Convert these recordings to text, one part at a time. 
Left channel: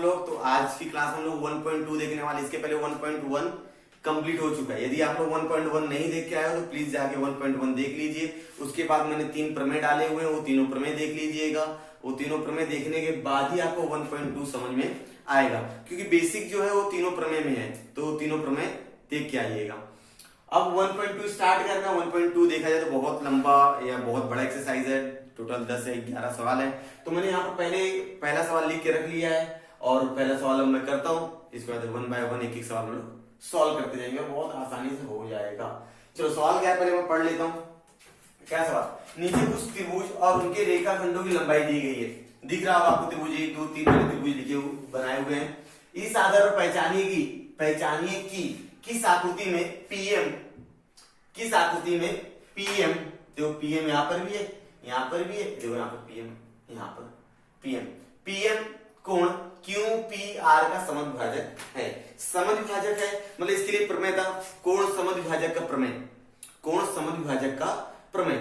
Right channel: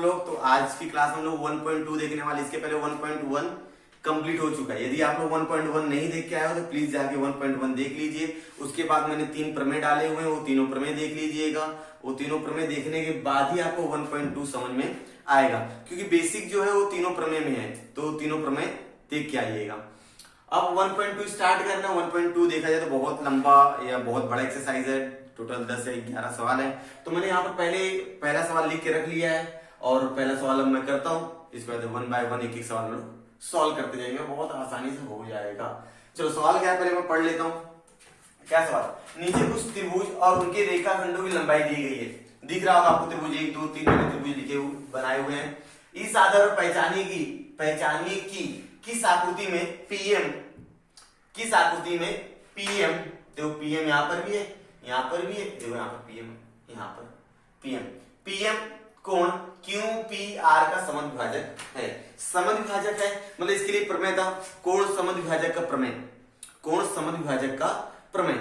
आप लोग। तो आज की क्लास में हम लोग 1.2 देखने वाले। इसके पहले 1.1 कंप्लीट हो चुका है। यदि आप लोग 1.1 नहीं देख के आए हो तो प्लीज जाके 1.1 देख लीजिए। उसके बाद मैंने 3 प्रमेय डाले हुए हैं, वो तीनों प्रमेय देख लीजिएगा। वो तीनों प्रमेय देखने के बाद ही आपको 1.2 समझ में आएगा, क्योंकि बेसिक जो है वो तीनों प्रमेय में है। तो तीनों प्रमेय देख के आइएगा। अब 1.2 स्टार्ट करना। 1.2 देखा जाए तो बहुत लंबा या बहुत बड़ा एक्सरसाइज है। टोटल 10 से 11 सवाल है। तो मैंने यहाँ पर पहला सवाल लिख के रख लिया है और पहला सवाल अब मैं करता हूँ। इसके बाद 1 बाय 1 एक एक सवाल में सॉल्व करते जाएंगे, बहुत आसानी से हो जाएगा। चलो सवाल क्या है पहले मैं पढ़ लेता हूँ। क्या सवाल? नीचे कुछ त्रिभुज और उनके रेखाखंडों की लंबाई दी गई है। दिख रहा होगा आपको त्रिभुज 1 2 3 बड़े त्रिभुज लिखे हुए बनाए हुए हैं। इस आधार पर पहचानिए कि किस आकृति में पीएम देखो पीएम यहाँ पर भी है, यहाँ पर भी है, देखो यहाँ पर पीएम, यहाँ पर पीएम कोण QPR का समद्विभाजक है। समद्विभाजक है मतलब इसके लिए प्रमेय था कोण समद्विभाजक का प्रमेय।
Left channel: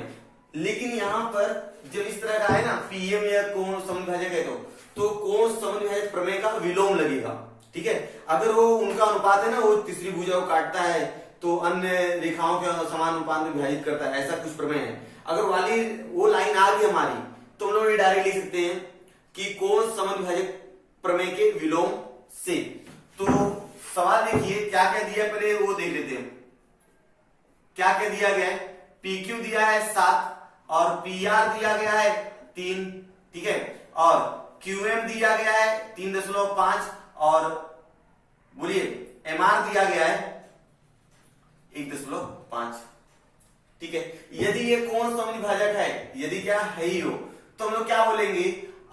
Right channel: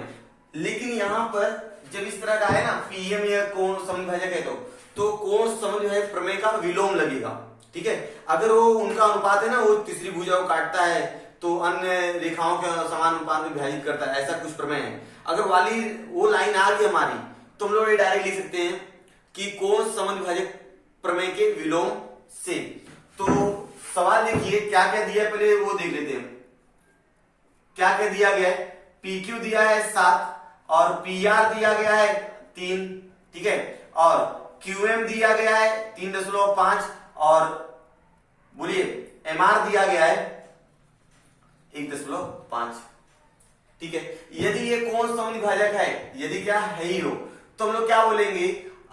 लेकिन यहाँ पर जब इस तरह का है ना पीएम या कोण समद्विभाजक है तो कोण समद्विभाजक प्रमेय का विलोम लगेगा। ठीक है, अगर वो उनका अनुपात है ना, वो तीसरी भुजा को काटता है तो अन्य रेखाओं के समान अनुपात में विभाजित करता है, ऐसा कुछ प्रमेय है। अगर वाली वो लाइन आ गई हमारी तो हम लोग ये डायरेक्ट लिख सकते हैं कि कोण समद्विभाजक प्रमेय के विलोम से। तो सवाल देखिए क्या क्या दिया है, पहले वो देख लेते हैं। क्या क्या दिया गया है? PQ दिया है 7 और PR दिया गया है 3। ठीक है, और QM दिया गया है 3.5 और बोलिए MR दिया गया है 1.5। ठीक है, यदि ये कोण समद्विभाजक है, यदि क्या है ही हो, तो हम लोग क्या बोलेंगे?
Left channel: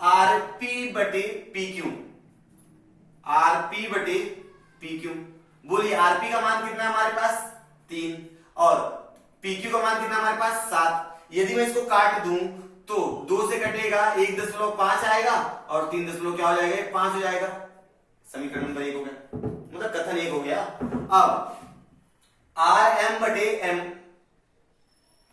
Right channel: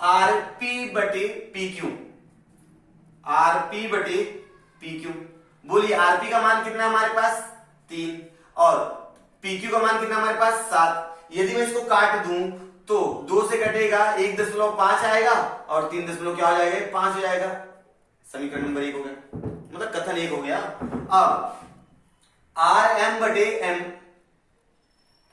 RP बटे PQ। बोलिए RP का मान कितना है हमारे पास? 3 और PQ का मान कितना हमारे पास? 7। यदि मैं इसको काट दूं तो 2 से कटेगा 1.5 आएगा और 3 क्या हो जाएगा? 5 हो जाएगा। समीकरण नंबर 1 हो गया, मतलब कथन 1 हो गया। अब RM बटे M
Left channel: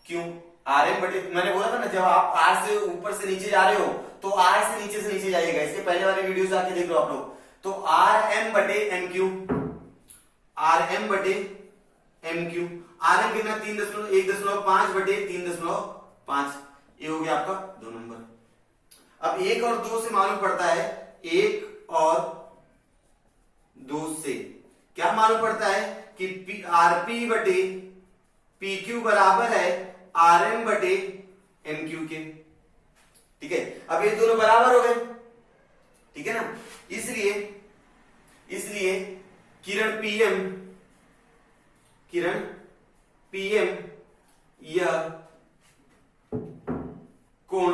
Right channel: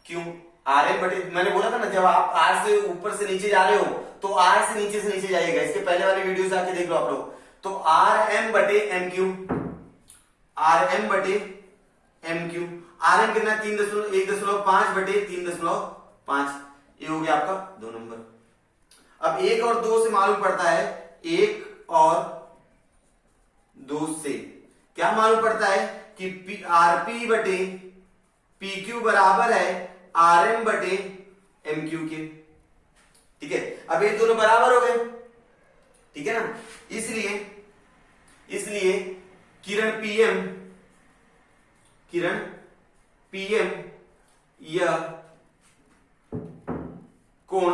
क्यों? RM बटे, मैंने बोला था ना जब आप R से ऊपर से नीचे जा रहे हो तो R से नीचे जाइएगा। इसके पहले वाले वीडियो से आके देख लो आप लोग। तो RM बटे MQ, RM कितना? 1.5 बटे 3.5। ये हो गया आपका 2 नंबर। अब 1 और 2 से मालूम पड़ता है, 1 और 2 से क्या मालूम पड़ता है कि RP बटे PQ बराबर है RM बटे MQ के। ठीक है, अब ये दोनों बराबर हो गए। ठीक है ना, इसलिए किरण PM यह कोण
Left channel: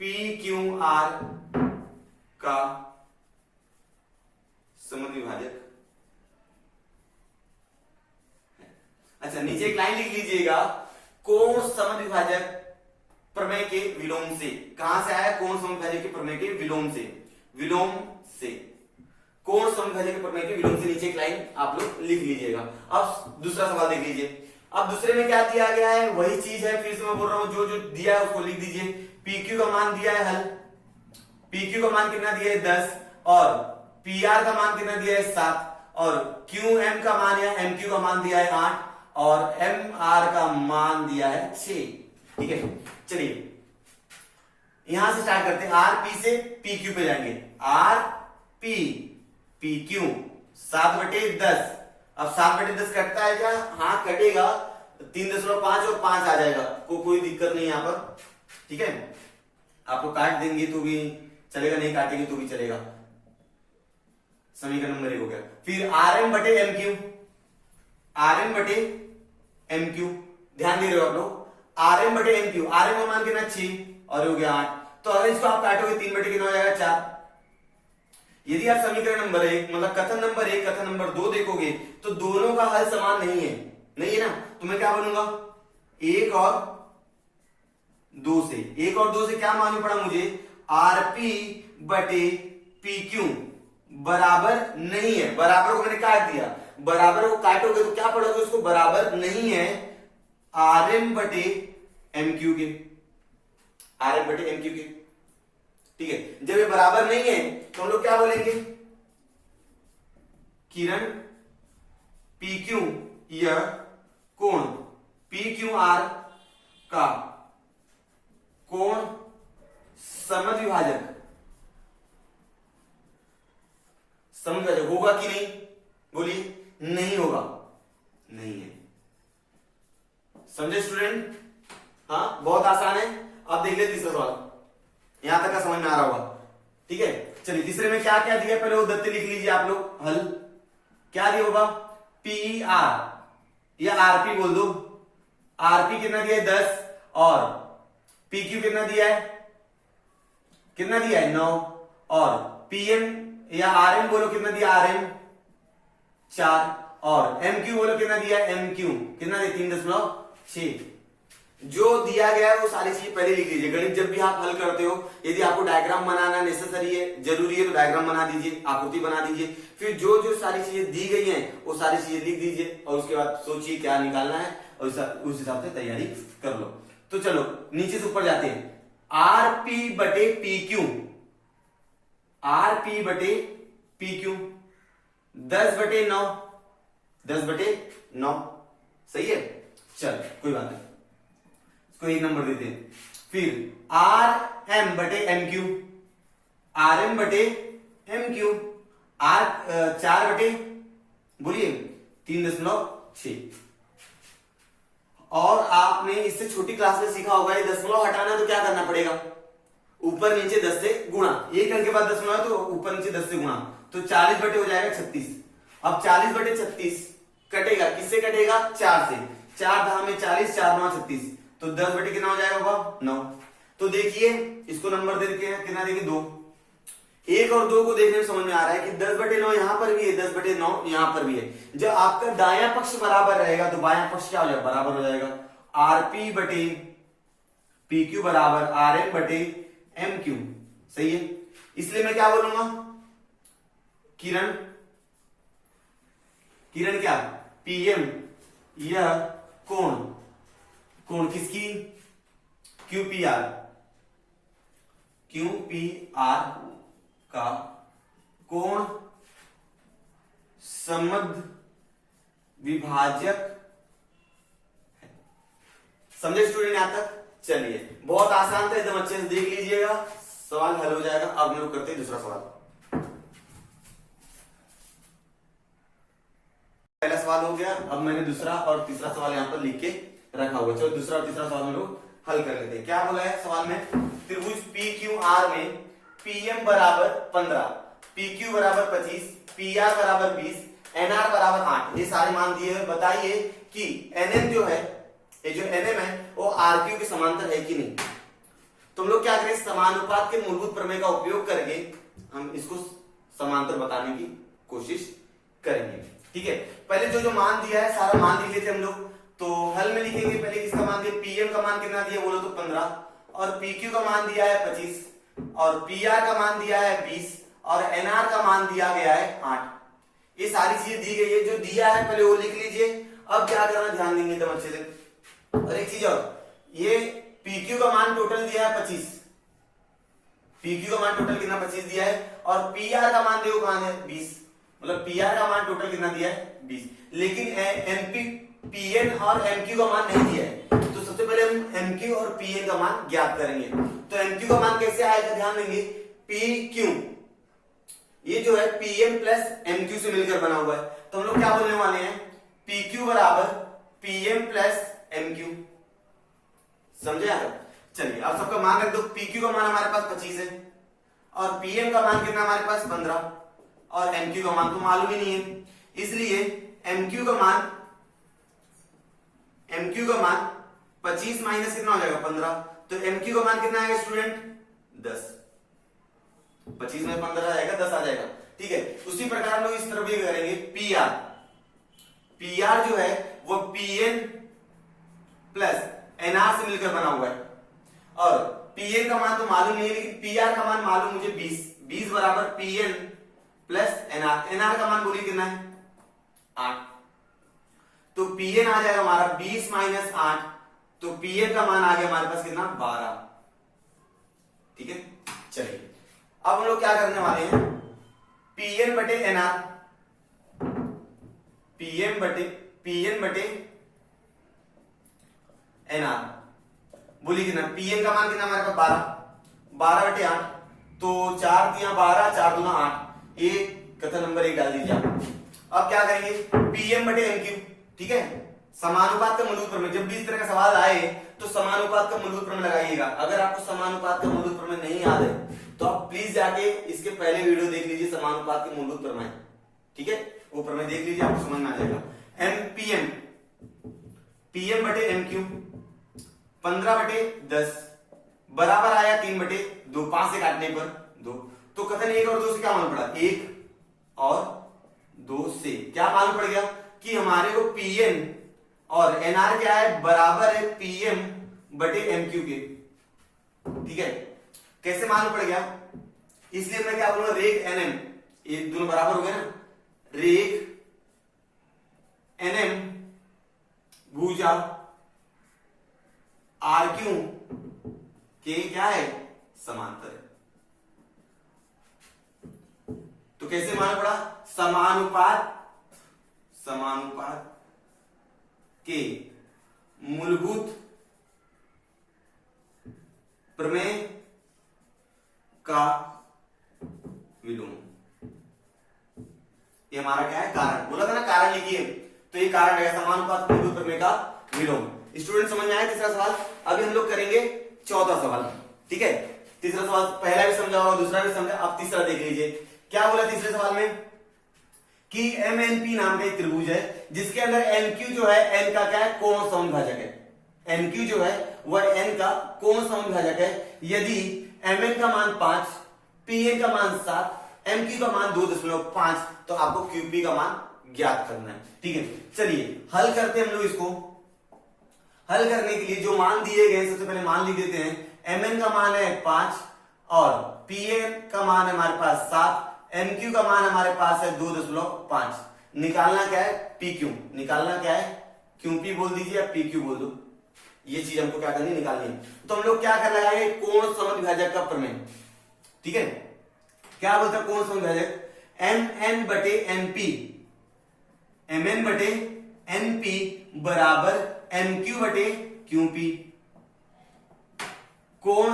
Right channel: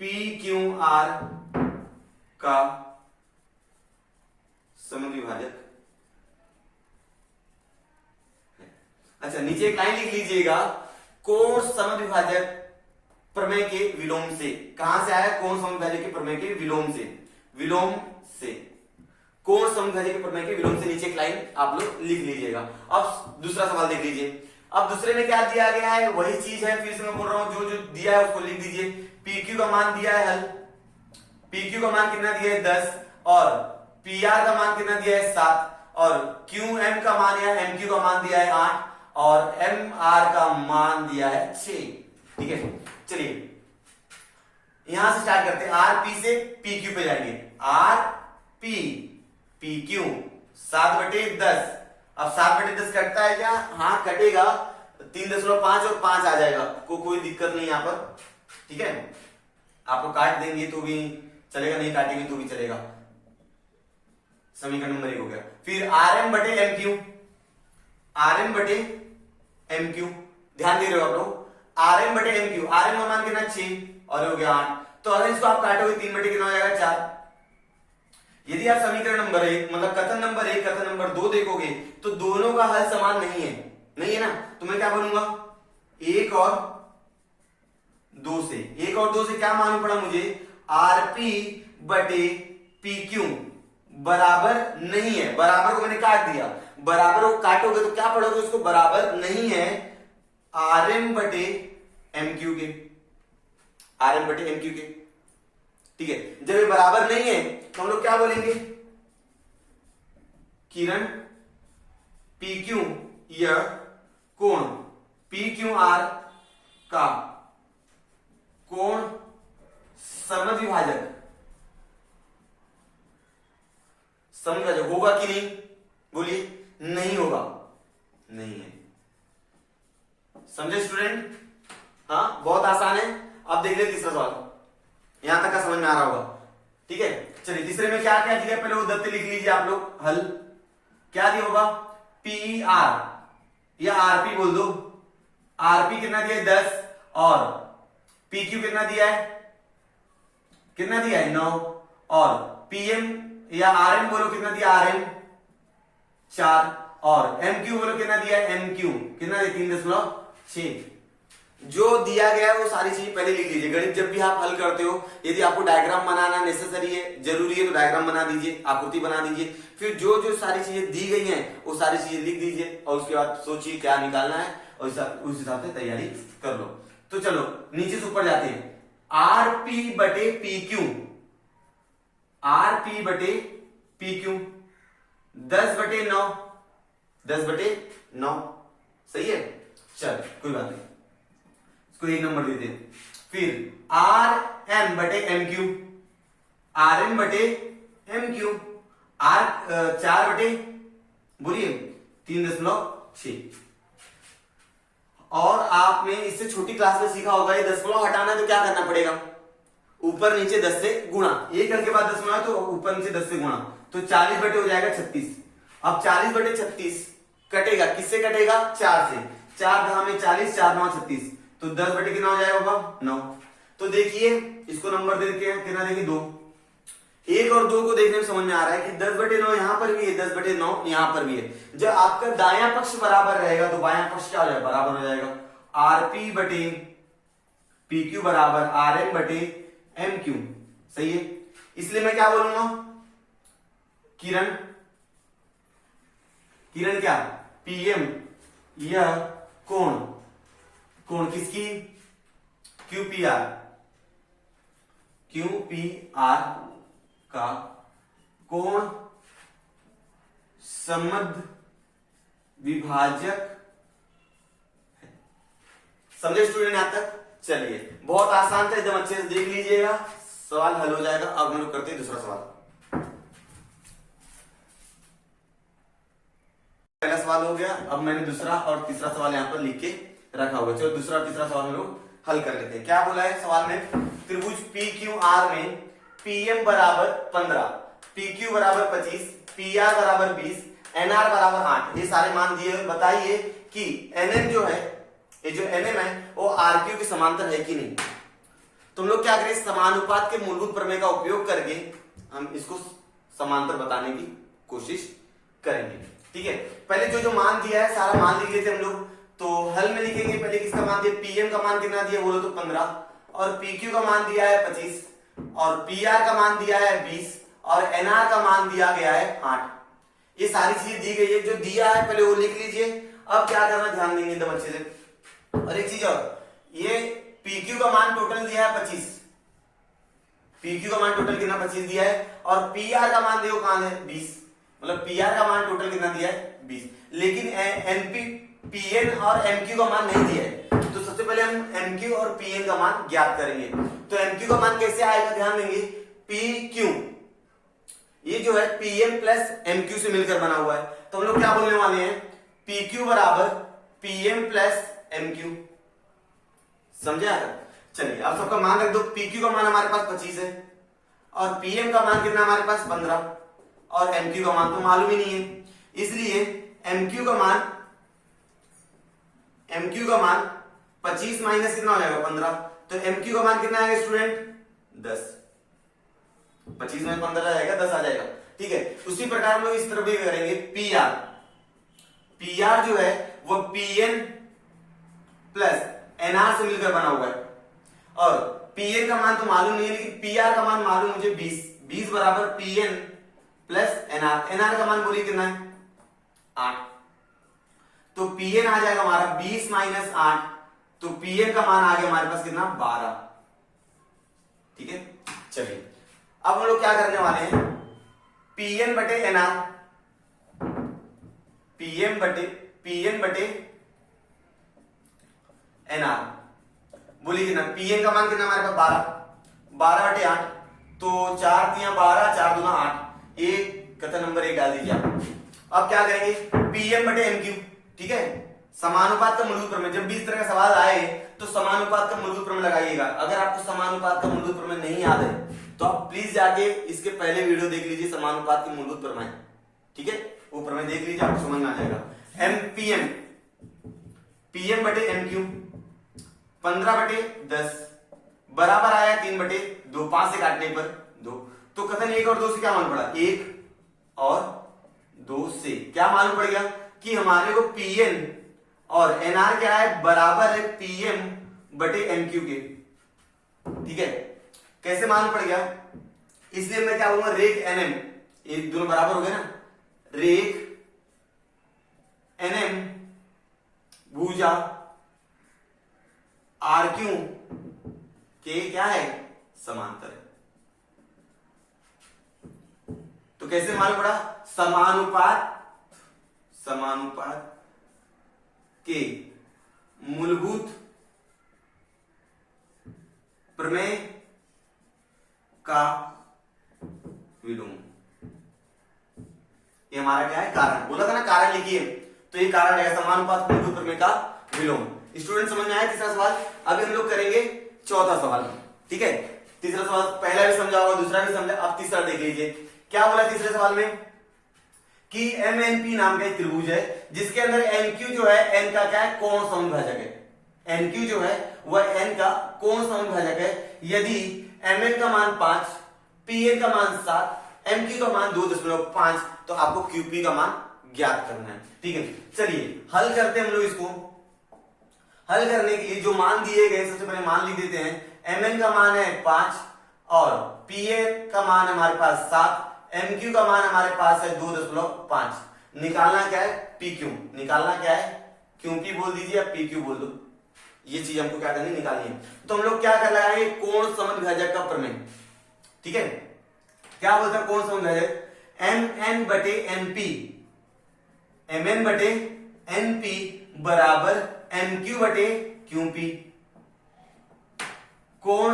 PQR का समद्विभाजक। अच्छा, नीचे एक लाइन लिख लीजिएगा, कोण समद्विभाजक प्रमेय के विलोम से। कहां से आया? कोण समद्विभाजक के प्रमेय के विलोम से। कोण समद्विभाजक के प्रमेय के विलोम से नीचे एक लाइन आप लोग लिख लीजिएगा। अब दूसरा सवाल देख लीजिए। अब दूसरे में क्या दिया गया है? वही चीज है, फिर से मैं बोल रहा हूं, जो दिया है उसको लिख दीजिए। PQ का मान दिया है, हल PQ का मान कितना दिया है? 10 और PR का मान कितना दिया है? 7 और QM का मान या MQ का मान दिया है 8 और MR का मान दिया है 6। ठीक है, चलिए यहां से स्टार्ट करते हैं। RP से PQ पे जाएंगे। RP PQ 7 बटे 10। अब 7 बटे 10 कटता है क्या? हाँ कटेगा। 3.5 और 5 आ जाएगा, कोई दिक्कत नहीं यहां पर। ठीक है, आप लोग काट देंगे तो भी चलेगा, नहीं काटेंगे तो भी चलेगा। समीकरण नंबर 1 हो गया। फिर RM बटे MQ, ध्यान दे रहे हो आप लोग। RM बटे MQ, RM का मान कितना? 6 और हो गया 8। तो अगर इसको आप काटोगे 3 बटे कितना हो जाएगा? 4। यदि आप समीकरण नंबर 1 मतलब कथन नंबर 1 कथन नंबर 2 देखोगे तो दोनों का हल समान नहीं है ना। तो मैं क्या बनूंगा? 1 और 2 से क्या मालूम पड़ा मुझे? RP बटे PQ बराबर नहीं है। बराबर को मैंने काट दिया, बराबर को काटोगे तो क्या पढ़ोगे? उसको बराबर नहीं है RM बटे MQ के। ठीक है, जब ये बराबर नहीं है तो हम लोग क्या बोलेंगे, किरण पी क्यू यह कोण पी क्यू आर का कोण समद्विभाजक होगा कि नहीं, बोलिए, नहीं होगा, नहीं है। समझे स्टूडेंट? हाँ, बहुत आसान है। अब देख ले तीसरा सवाल, यहां तक का समझ में आ रहा होगा, ठीक है। चलिए तीसरे में क्या क्या दिया, पहले वो दत्त लिख लीजिए आप लोग। हल क्या दिया होगा, पी आर या आरपी बोल दो। आरपी कितना दिया है 10 और पी क्यू कितना दिया है, 9 और पीएम या आरएम बोलो कितना दिया, आरएम 4 और एमक्यू बोलो कितना दिया है, एमक्यू कितना दिया 3.6। जो दिया गया है वो सारी चीज पहले लिख लीजिए। गणित जब भी आप हल करते हो, यदि आपको डायग्राम बनाना नेसेसरी है, जरूरी है, तो डायग्राम बना दीजिए, आकृति बना दीजिए। फिर जो जो सारी चीजें दी गई हैं वो सारी चीजें लिख दीजिए और उसके बाद सोचिए क्या निकालना है और उस हिसाब से तैयारी कर लो। तो चलो नीचे से ऊपर जाते हैं। आरपी बटे पी क्यू, आरपी बटे पी क्यू 10/9, 10/9 सही है। चल कोई बात नहीं, इसको 1 नंबर देते हैं। फिर आर एम बटे एम क्यू, आर एम बटे एम क्यू, आर 4 बटे बोलिए 3.6। और आपने इससे छोटी क्लास में सीखा होगा, ये दशमलव हटाना है तो क्या करना पड़ेगा, ऊपर नीचे 10 से गुणा, एक अंक के बाद दशमलव है तो ऊपर नीचे 10 से गुणा, तो 40 बटे हो जाएगा 36। अब 40 बटे 36 कटेगा, किससे कटेगा, 4 से। 4 धाम में 40, 4 9 36, तो 10 बटे कितना हो जाएगा बाबा, 9। तो देखिए इसको नंबर दे के कितना देंगे, 2। 1 और 2 को देखने में समझ में आ रहा है कि 10/9 यहां पर भी है, 10/9 यहां पर भी है। जब आपका दायां पक्ष बराबर रहेगा तो बायां पक्ष क्या हो जाएगा, बराबर हो जाएगा। आरपी बटे पी क्यू बराबर आर एम बटे एम क्यू, सही है। इसलिए मैं क्या बोलूंगा, किरण क्या, पीएम यह कोण किसकी, क्यूपीआर का कोण समद्विभाजक है। समझे स्टूडेंट यहां तक? चलिए बहुत आसान था, एकदम अच्छे से देख लीजिएगा, सवाल हल हो जाएगा। अब हम लोग करते हैं दूसरा सवाल। पहला सवाल हो गया, अब मैंने दूसरा और तीसरा सवाल यहां पर लिख के रखा हुआ। चलो दूसरा और तीसरा सवाल हम लोग हल कर लेते हैं। क्या बोला है सवाल में, त्रिभुज पी क्यू आर में पीएम बराबर 15, पी क्यू बराबर 25, पी आर बराबर 20, एनआर बराबर 8, ये सारे मान दिए हुए। बताइए कि एनएम जो है, ये जो एनएम है वो आरक्यू के समांतर है कि नहीं। तुम लोग क्या करें, समानुपात के मूलभूत प्रमेय का उपयोग करके हम इसको समांतर बताने की कोशिश करेंगे। ठीक है, पहले जो जो मान दिया है सारा मान लिख लेते हम लोग। तो हल में लिखेंगे पहले किसका मान दिया, पीएम का मान कितना दिया बोलो तो 15, और पीक्यू का मान दिया है 25, और पीआर का मान दिया है 20, और एनआर का मान दिया गया है 8। ये सारी चीजें दी गई है, जो दिया है पहले वो लिख लीजिए। अब क्या करना, ध्यान देंगे एकदम अच्छे से। और एक चीज और, ये पीक्यू का मान टोटल दिया है 25, पीक्यू का मान टोटल कितना 25 दिया है, और पीआर का मान देखो कहां है 20, मतलब पीआर का मान टोटल कितना दिया है 20, लेकिन एनपी पीएन और एमक्यू का मान नहीं दिया है। तो सबसे पहले हम एमक्यू और पीएन का मान ज्ञात करेंगे। तो एमक्यू का मान कैसे आएगा, ध्यान देंगे, पीक्यू ये जो है पीएम प्लस एमक्यू से मिलकर बना हुआ है, तो हम लोग क्या बोलने वाले हैं, पीक्यू बराबर पीएम प्लस एमक्यू। समझे आगे? चलिए अब सबका मान रख दो। पीक्यू का मान हमारे पास 25 है, और पीएम का मान कितना हमारे पास 15, और एमक्यू का मान तो मालूम ही नहीं है, इसलिए एमक्यू का मान 25 माइनस कितना हो जाएगा 15, तो एमक्यू का मान कितना आएगा स्टूडेंट 10। 25 में 15 आएगा 10 आ जाएगा। ठीक है, उसी प्रकार हम लोग इस तरफ भी करेंगे। पीआर जो है वो पीएन प्लस एनआर से मिलकर बना हुआ है, और पीएन का मान तो मालूम नहीं है, लेकिन पीआर का मान मालूम मुझे 20 बराबर पीएन प्लस एनआर। एनआर का मान बोलिए कितना है 8, तो पीएन आ जाएगा हमारा 20 माइनस 8, तो पीएन का मान आ गया हमारे पास कितना 12। ठीक है, चलिए अब हम लोग क्या करने वाले हैं, पीएन बटे एनआर, पीएन बटे एनआर, बोलिए कितना, पीएन का मान कितना हमारे पास 12 बटे 8, तो 4 दिया 12, 4 दूना 8, ये कथन नंबर 1 डाल दीजिए आप। अब क्या करेंगे, पीएम बटे एम क्यू, ठीक है, समानुपात का मूलभूत प्रमेय, जब भी इस तरह का सवाल आए तो समानुपात का मूलभूत प्रमेय लगाइएगा। अगर आपको समानुपात का मूलभूत प्रमेय नहीं याद है तो आप प्लीज जाके इसके पहले वीडियो देख लीजिए, समानुपात के मूलभूत प्रमेय, ठीक है, वो प्रमेय देख लीजिए, आपको समझ में आ जाएगा। पीएम बटे एम क्यू 15 बटे 10 बराबर आया 3 बटे 2, 5 से काटने पर 2, तो कथन 1 और 2 से क्या मालूम पड़ा, 1 और 2 से क्या मालूम पड़ गया कि हमारे को पीएन और एनआर क्या है, बराबर है पीएम बटे एमक्यू के, ठीक है। कैसे मालूम पड़ गया, इसलिए मैं क्या बोलूंगा, रेख एनएम, ये दोनों बराबर हो गए ना, रेख एनएम भुजा आर क्यू के क्या है, समांतर है। तो कैसे मालूम पड़ा, समानुपात के मूलभूत प्रमेय का विलोम, ये हमारा क्या है, कारण, बोला था ना कारण लिखिए, तो ये कारण है समानुपात के मूलभूत प्रमेय का विलोम। स्टूडेंट समझ में आया तीसरा सवाल। अभी हम लोग करेंगे चौथा सवाल, ठीक है। तीसरा सवाल पहला भी समझा होगा, दूसरा भी समझा, अब तीसरा देख लीजिए। क्या बोला तीसरे सवाल में कि एमएनपी नाम का एक त्रिभुज है जिसके अंदर एनक्यू जो है एन का क्या है, कोण समविभाजक है। एनक्यू जो है वह एन का कोण समविभाजक है। यदि एमएन का मान 5, पीएन का मान 7, एमक्यू का मान 2.5, तो आपको क्यूपी का मान ज्ञात करना है, ठीक है। चलिए हल करते हैं हम लोग इसको। हल करने के लिए जो मान दिए गए सबसे पहले मान लिख देते हैं। एमएन का मान है 5 और पीएन का मान हमारे पास 7, एमक्यू का मान हमारे पास है 2.5। निकालना क्या है, पीक्यू, निकालना क्या है, क्यूपी बोल दीजिए या पीक्यू बोल दो, ये चीज हमको क्या करनी, निकालनी है। तो हम लोग क्या कर लगाएंगे, कोण समद्विभाजक का प्रमेय, ठीक है। क्या बोलता है कोण समद्विभाजक, एम एन बटे एनपी, एम एन बटे एनपी बराबर एमक्यू बटे क्यूपी, कोण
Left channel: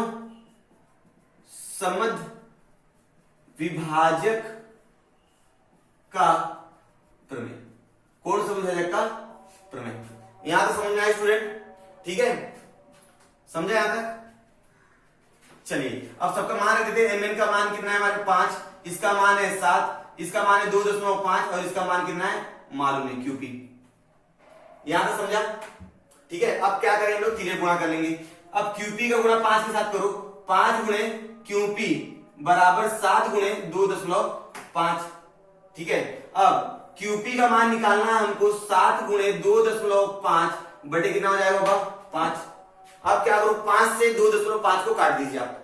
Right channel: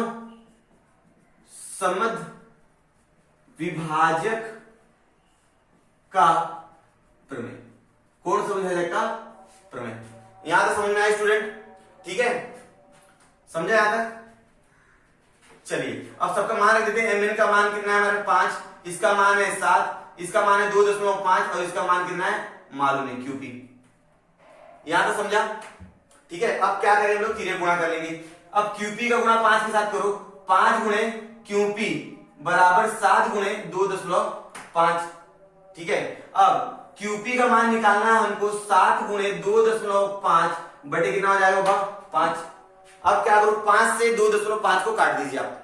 समद्विभाजक का प्रमेय, कोण समद्विभाजक का प्रमेय। यहां तक समझ में आया स्टूडेंट, ठीक है, समझे यहां तक। चलिए अब सबका मान रख देते हैं। एमएन का मान कितना है हमारे 5, इसका मान है 7, इसका मान है 2.5 और इसका मान कितना है मालूम नहीं, क्यूपी। यहां तक समझा, ठीक है। अब क्या करेंगे हम लोग, तीनों गुणा कर लेंगे। अब क्यूपी का गुणा 5 के साथ करो, 5 गुणे क्यूपी बराबर 7 गुणे 2.5, ठीक है। अब क्यूपी का मान निकालना है हमको, 7 गुणे 2.5 बटे कितना हो जाएगा बाबा, 5। अब क्या करो, 5 से 2.5 को काट दीजिए आप,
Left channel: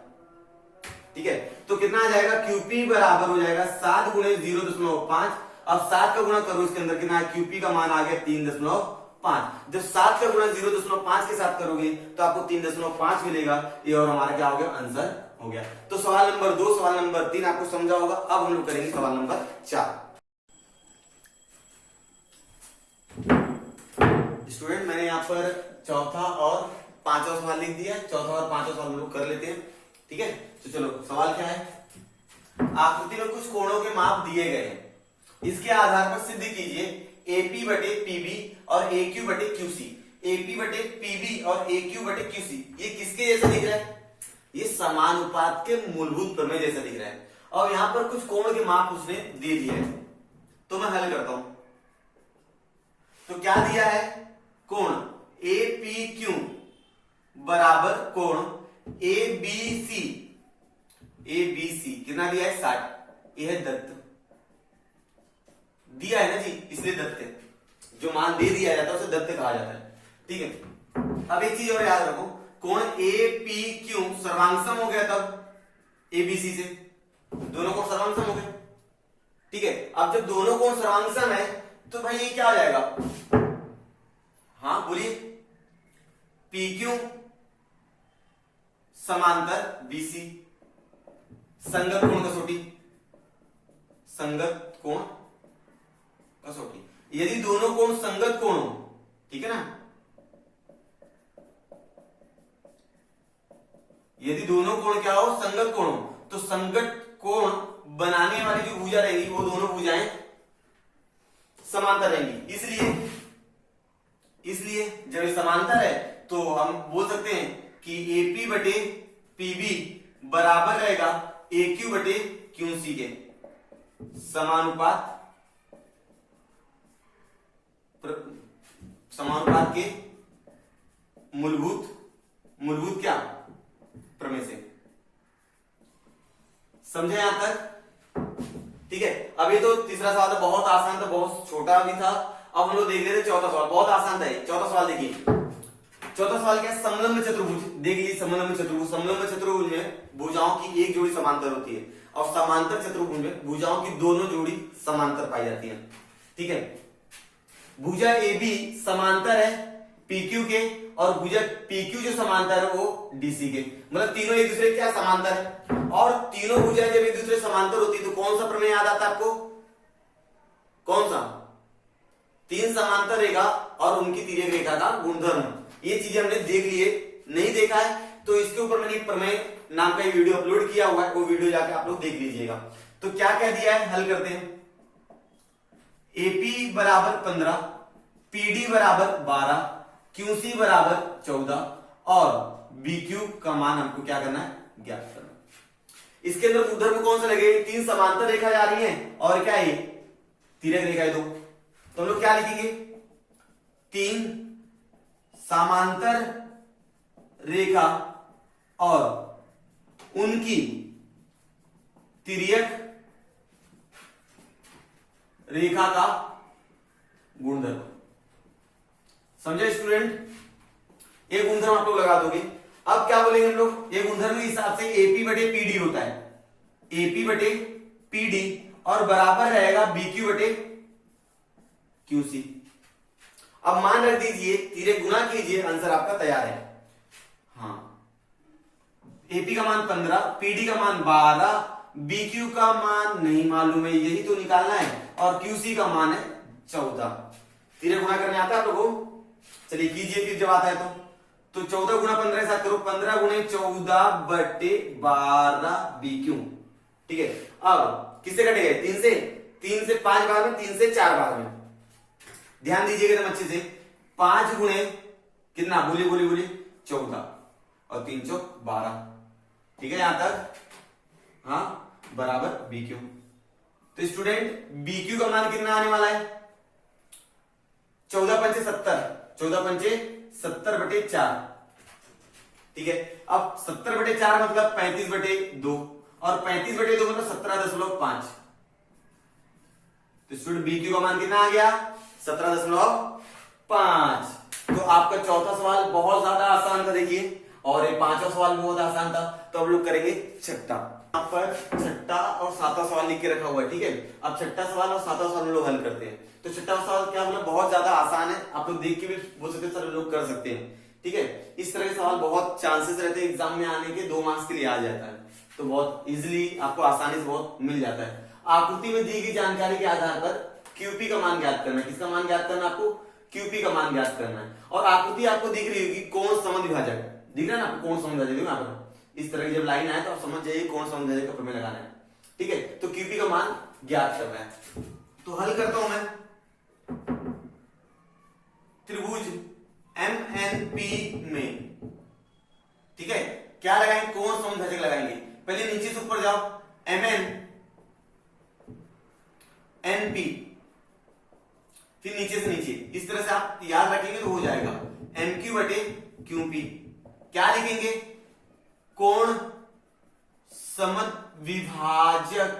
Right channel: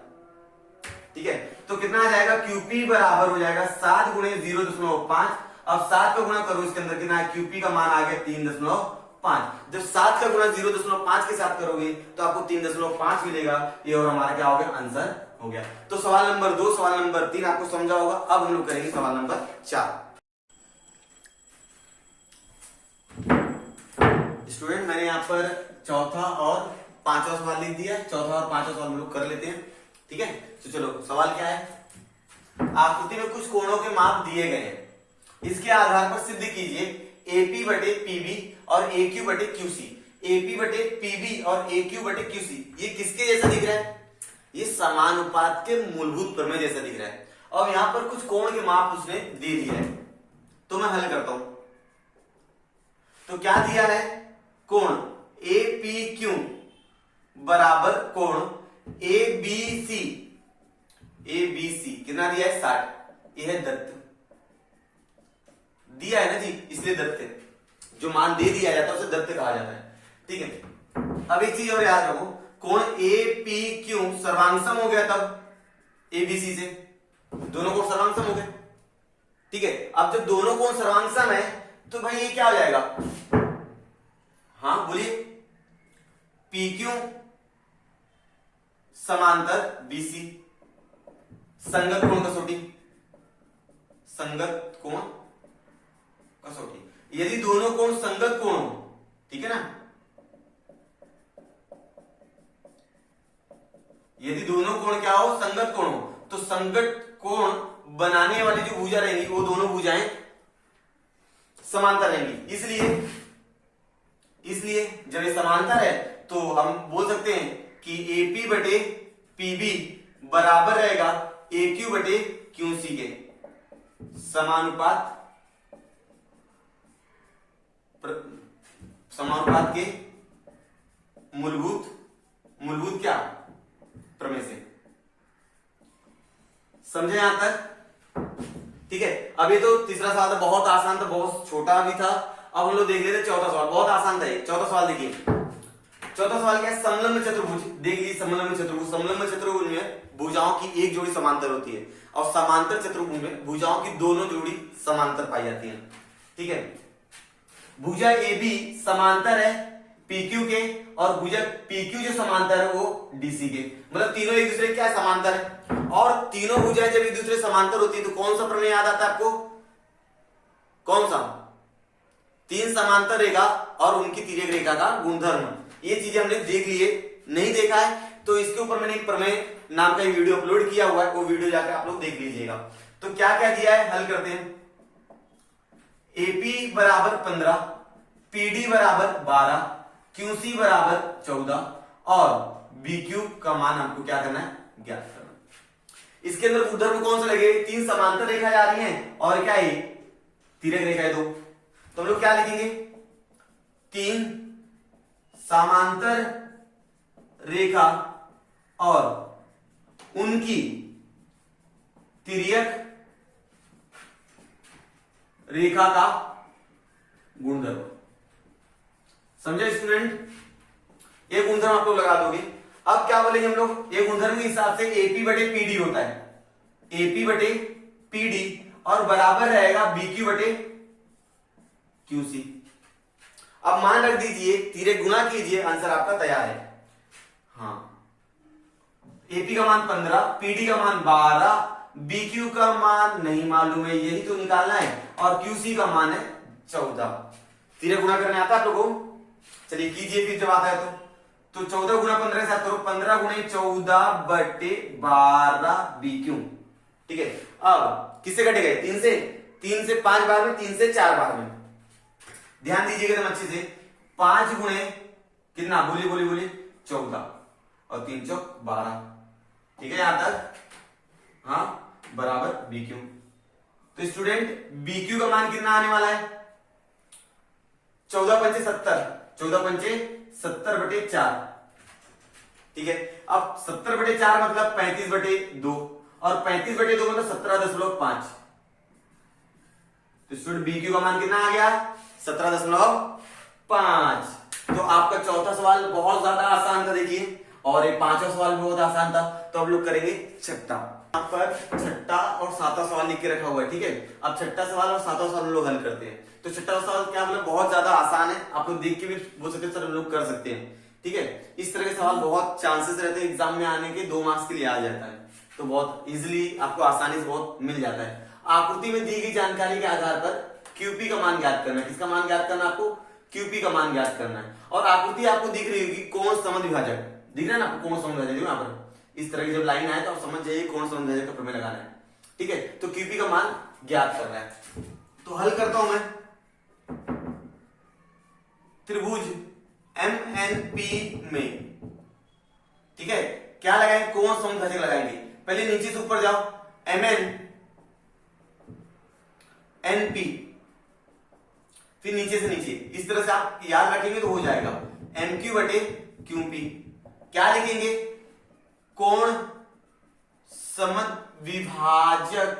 ठीक है। तो कितना आ जाएगा, क्यूपी बराबर हो जाएगा 7 गुणे 0.5। अब 7 का गुणा करो इसके अंदर, कितना है, क्यूपी का मान आ गया 3.5। जब 7 का गुणा 0.5 के साथ करोगे तो आपको 3.5 मिलेगा। ये और हमारा क्या हो गया, आंसर हो गया। तो सवाल नंबर 2, सवाल नंबर 3 आपको समझा होगा। अब हम लोग करेंगे सवाल नंबर 4। स्टूडेंट मैंने यहाँ पर चौथा और पांचवा सवाल लिख दिया, चौथा और पांचवा सवाल हम लोग कर लेते हैं, ठीक है। तो चलो सवाल क्या है, आकृति में कुछ कोणों के माप दिए गए हैं, इसके आधार पर सिद्ध कीजिए एपी बटे पीबी और एक्यू बटे क्यूसी। एपी बटे पीबी और एक्यू बटे क्यूसी ये किसके जैसा दिख रहा है, ये समानुपात के मूलभूत प्रमेय जैसा दिख रहा है। और यहां पर कुछ कोण के माप उसने दे दिए हैं, तो मैं हल करता हूं। तो क्या दिया है, कोण एपीक्यू बराबर कोण एबीसी, एबीसी कितना दिया है 60, यह है दत्त दिया है ना जी, इसलिए दत्त है। जो मान दे दिया जाता है उसे दत्त कहा जाता है, ठीक है। अब एक चीज और याद रखो, कोण एपीक्यू सर्वांगसम हो गया तब एबीसी से, दोनों कोण सर्वांगसम हो गए, ठीक है। अब जब दोनों कोण सर्वांगसम है तो भाई ये क्या हो जाएगा, हाँ बोलिए, पीक्यू समांतर बीसी, संगत कोण कसौटी, संगत कोण कसौटी। यदि दोनों कोण संगत कोण हो, ठीक है ना, यदि दोनों कोण क्या हो, संगत कोण हो, तो संगत कोण बनाने वाली जो भुजा रहेगी वो दोनों भुजाएं समांतर रहेंगी। इसलिए जब ये समांतर है तो हम बोल सकते हैं कि AP बटे PB बराबर रहेगा AQ बटे QC के। समानुपात के मूलभूत क्या प्रमेय से। समझे यहां तक, ठीक है। अब ये तो तीसरा सवाल था, बहुत आसान था, बहुत छोटा भी था। अब हम लोग देख लेते चौथा सवाल, बहुत आसान था ये। चौथा सवाल देखिए, चौथा सवाल क्या है, समलंब चतुर्भुज। देख लीजिए समलंब चतुर्भुज, समलंब चतुर्भुज में भुजाओं की एक जोड़ी समांतर होती है और समांतर चतुर्भुज में भुजाओं की दोनों जोड़ी समांतर पाई जाती है, ठीक है। भुजा AB समांतर है PQ के और भुजा PQ जो समांतर है वो DC के, मतलब तीनों एक दूसरे क्या समांतर है। और तीनों भुजाएं जब एक दूसरे समांतर होती है तो कौन सा प्रमेय याद आता है आपको, कौन सा, तीन समांतर रेखा और उनकी तिर्यक रेखा का गुणधर्म। ये चीजें हमने देख लिए, नहीं देखा है तो इसके ऊपर मैंने प्रमेय नाम का एक वीडियो अपलोड किया हुआ है, वो वीडियो जाकर आप लोग देख लीजिएगा। तो क्या क्या दिया है, हल करते हैं। AP बराबर 15, PD बराबर 12, QC बराबर 14 और BQ का मान हमको क्या करना है, ज्ञात करना है। इसके अंदर गुणधर्म कौन से लगे, तीन समांतर रेखा जा रही हैं और क्या है तिर्यक रेखा है दो, तो हम लोग क्या लिखेंगे, तीन समांतर रेखा और उनकी तिर्यक रेखा का गुणधर्म। समझे स्टूडेंट, ये गुणधर्म आप लोग लगा दोगे। अब क्या बोलेंगे हम लोग, ये गुणधर्म के हिसाब से AP बटे PD होता है, AP बटे PD और बराबर रहेगा BQ बटे QC। अब मान रख दीजिए, तिर्यक गुणा कीजिए, आंसर आपका तैयार है। हाँ, AP का मान 15, PD का मान 12, BQ का मान नहीं मालूम है, यही तो निकालना है, और QC का मान है 14। तिर्यक गुणा करने आता है आप लोगों को, चलिए कीजिए फिर जब आता है तो 14 गुणा 15 के साथ करो, 15 गुणे 14 बटे 12 BQ, ठीक है। अब किससे कटेगा, 3 से 5 बार में, 3 से 4 बार में। ध्यान दीजिएगा एकदम अच्छे से, 5 गुणे कितना, बोलिए 14 और 3 चौक 12, ठीक है यहां तक, हाँ बराबर BQ। तो स्टूडेंट BQ का मान कितना आने वाला है, 14 पंचे 70, 14 पंचे 70 बटे 4, ठीक है। अब 70 बटे 4 मतलब 35 बटे 2 और 35 बटे 2 मतलब 17.5। तो स्टूडेंट BQ का मान कितना आ गया, 17.5। तो आपका चौथा सवाल बहुत ज्यादा आसान था देखिए, और ये पांचवा सवाल भी बहुत आसान था। तो हम लोग करेंगे छठा, यहाँ पर छठा और सातवां सवाल लिख के रखा हुआ है, ठीक है। अब छठा सवाल और सातवां सवाल हम लोग हल करते हैं। तो छठा सवाल क्या, मतलब बहुत ज्यादा आसान है, आप लोग देख के भी बोल सकते हैं सर हम लोग कर सकते हैं, ठीक है। इस तरह के सवाल बहुत चांसेस रहते हैं एग्जाम में आने के, 2 मार्क्स के लिए आ जाता है, तो बहुत इजिली आपको आसानी से बहुत मिल जाता है। आकृति में दी गई जानकारी के आधार पर QP का मान ज्ञात करना है। किसका मान ज्ञात करना है आपको, QP का मान ज्ञात करना है। और आकृति आपको दिख रही होगी, कोण समद्विभाजक दिख रहा है ना आपको, कोण समद्विभाजक यहाँ पर इस तरह की जब लाइन आए तो आप समझ जाइए कोण समद्विभाजक का प्रमेय लगाना है, ठीक है। तो QP का मान ज्ञात करना है। तो हल करता हूं मैं, त्रिभुज MNP में, ठीक है, क्या लगाएंगे, कोण समद्विभाजक लगाएंगे। पहले नीचे से ऊपर जाओ, MNP, फिर नीचे से नीचे, इस तरह से आप याद रखेंगे तो हो जाएगा। MQ बटे QP, क्या लिखेंगे, कोण समद्विभाजक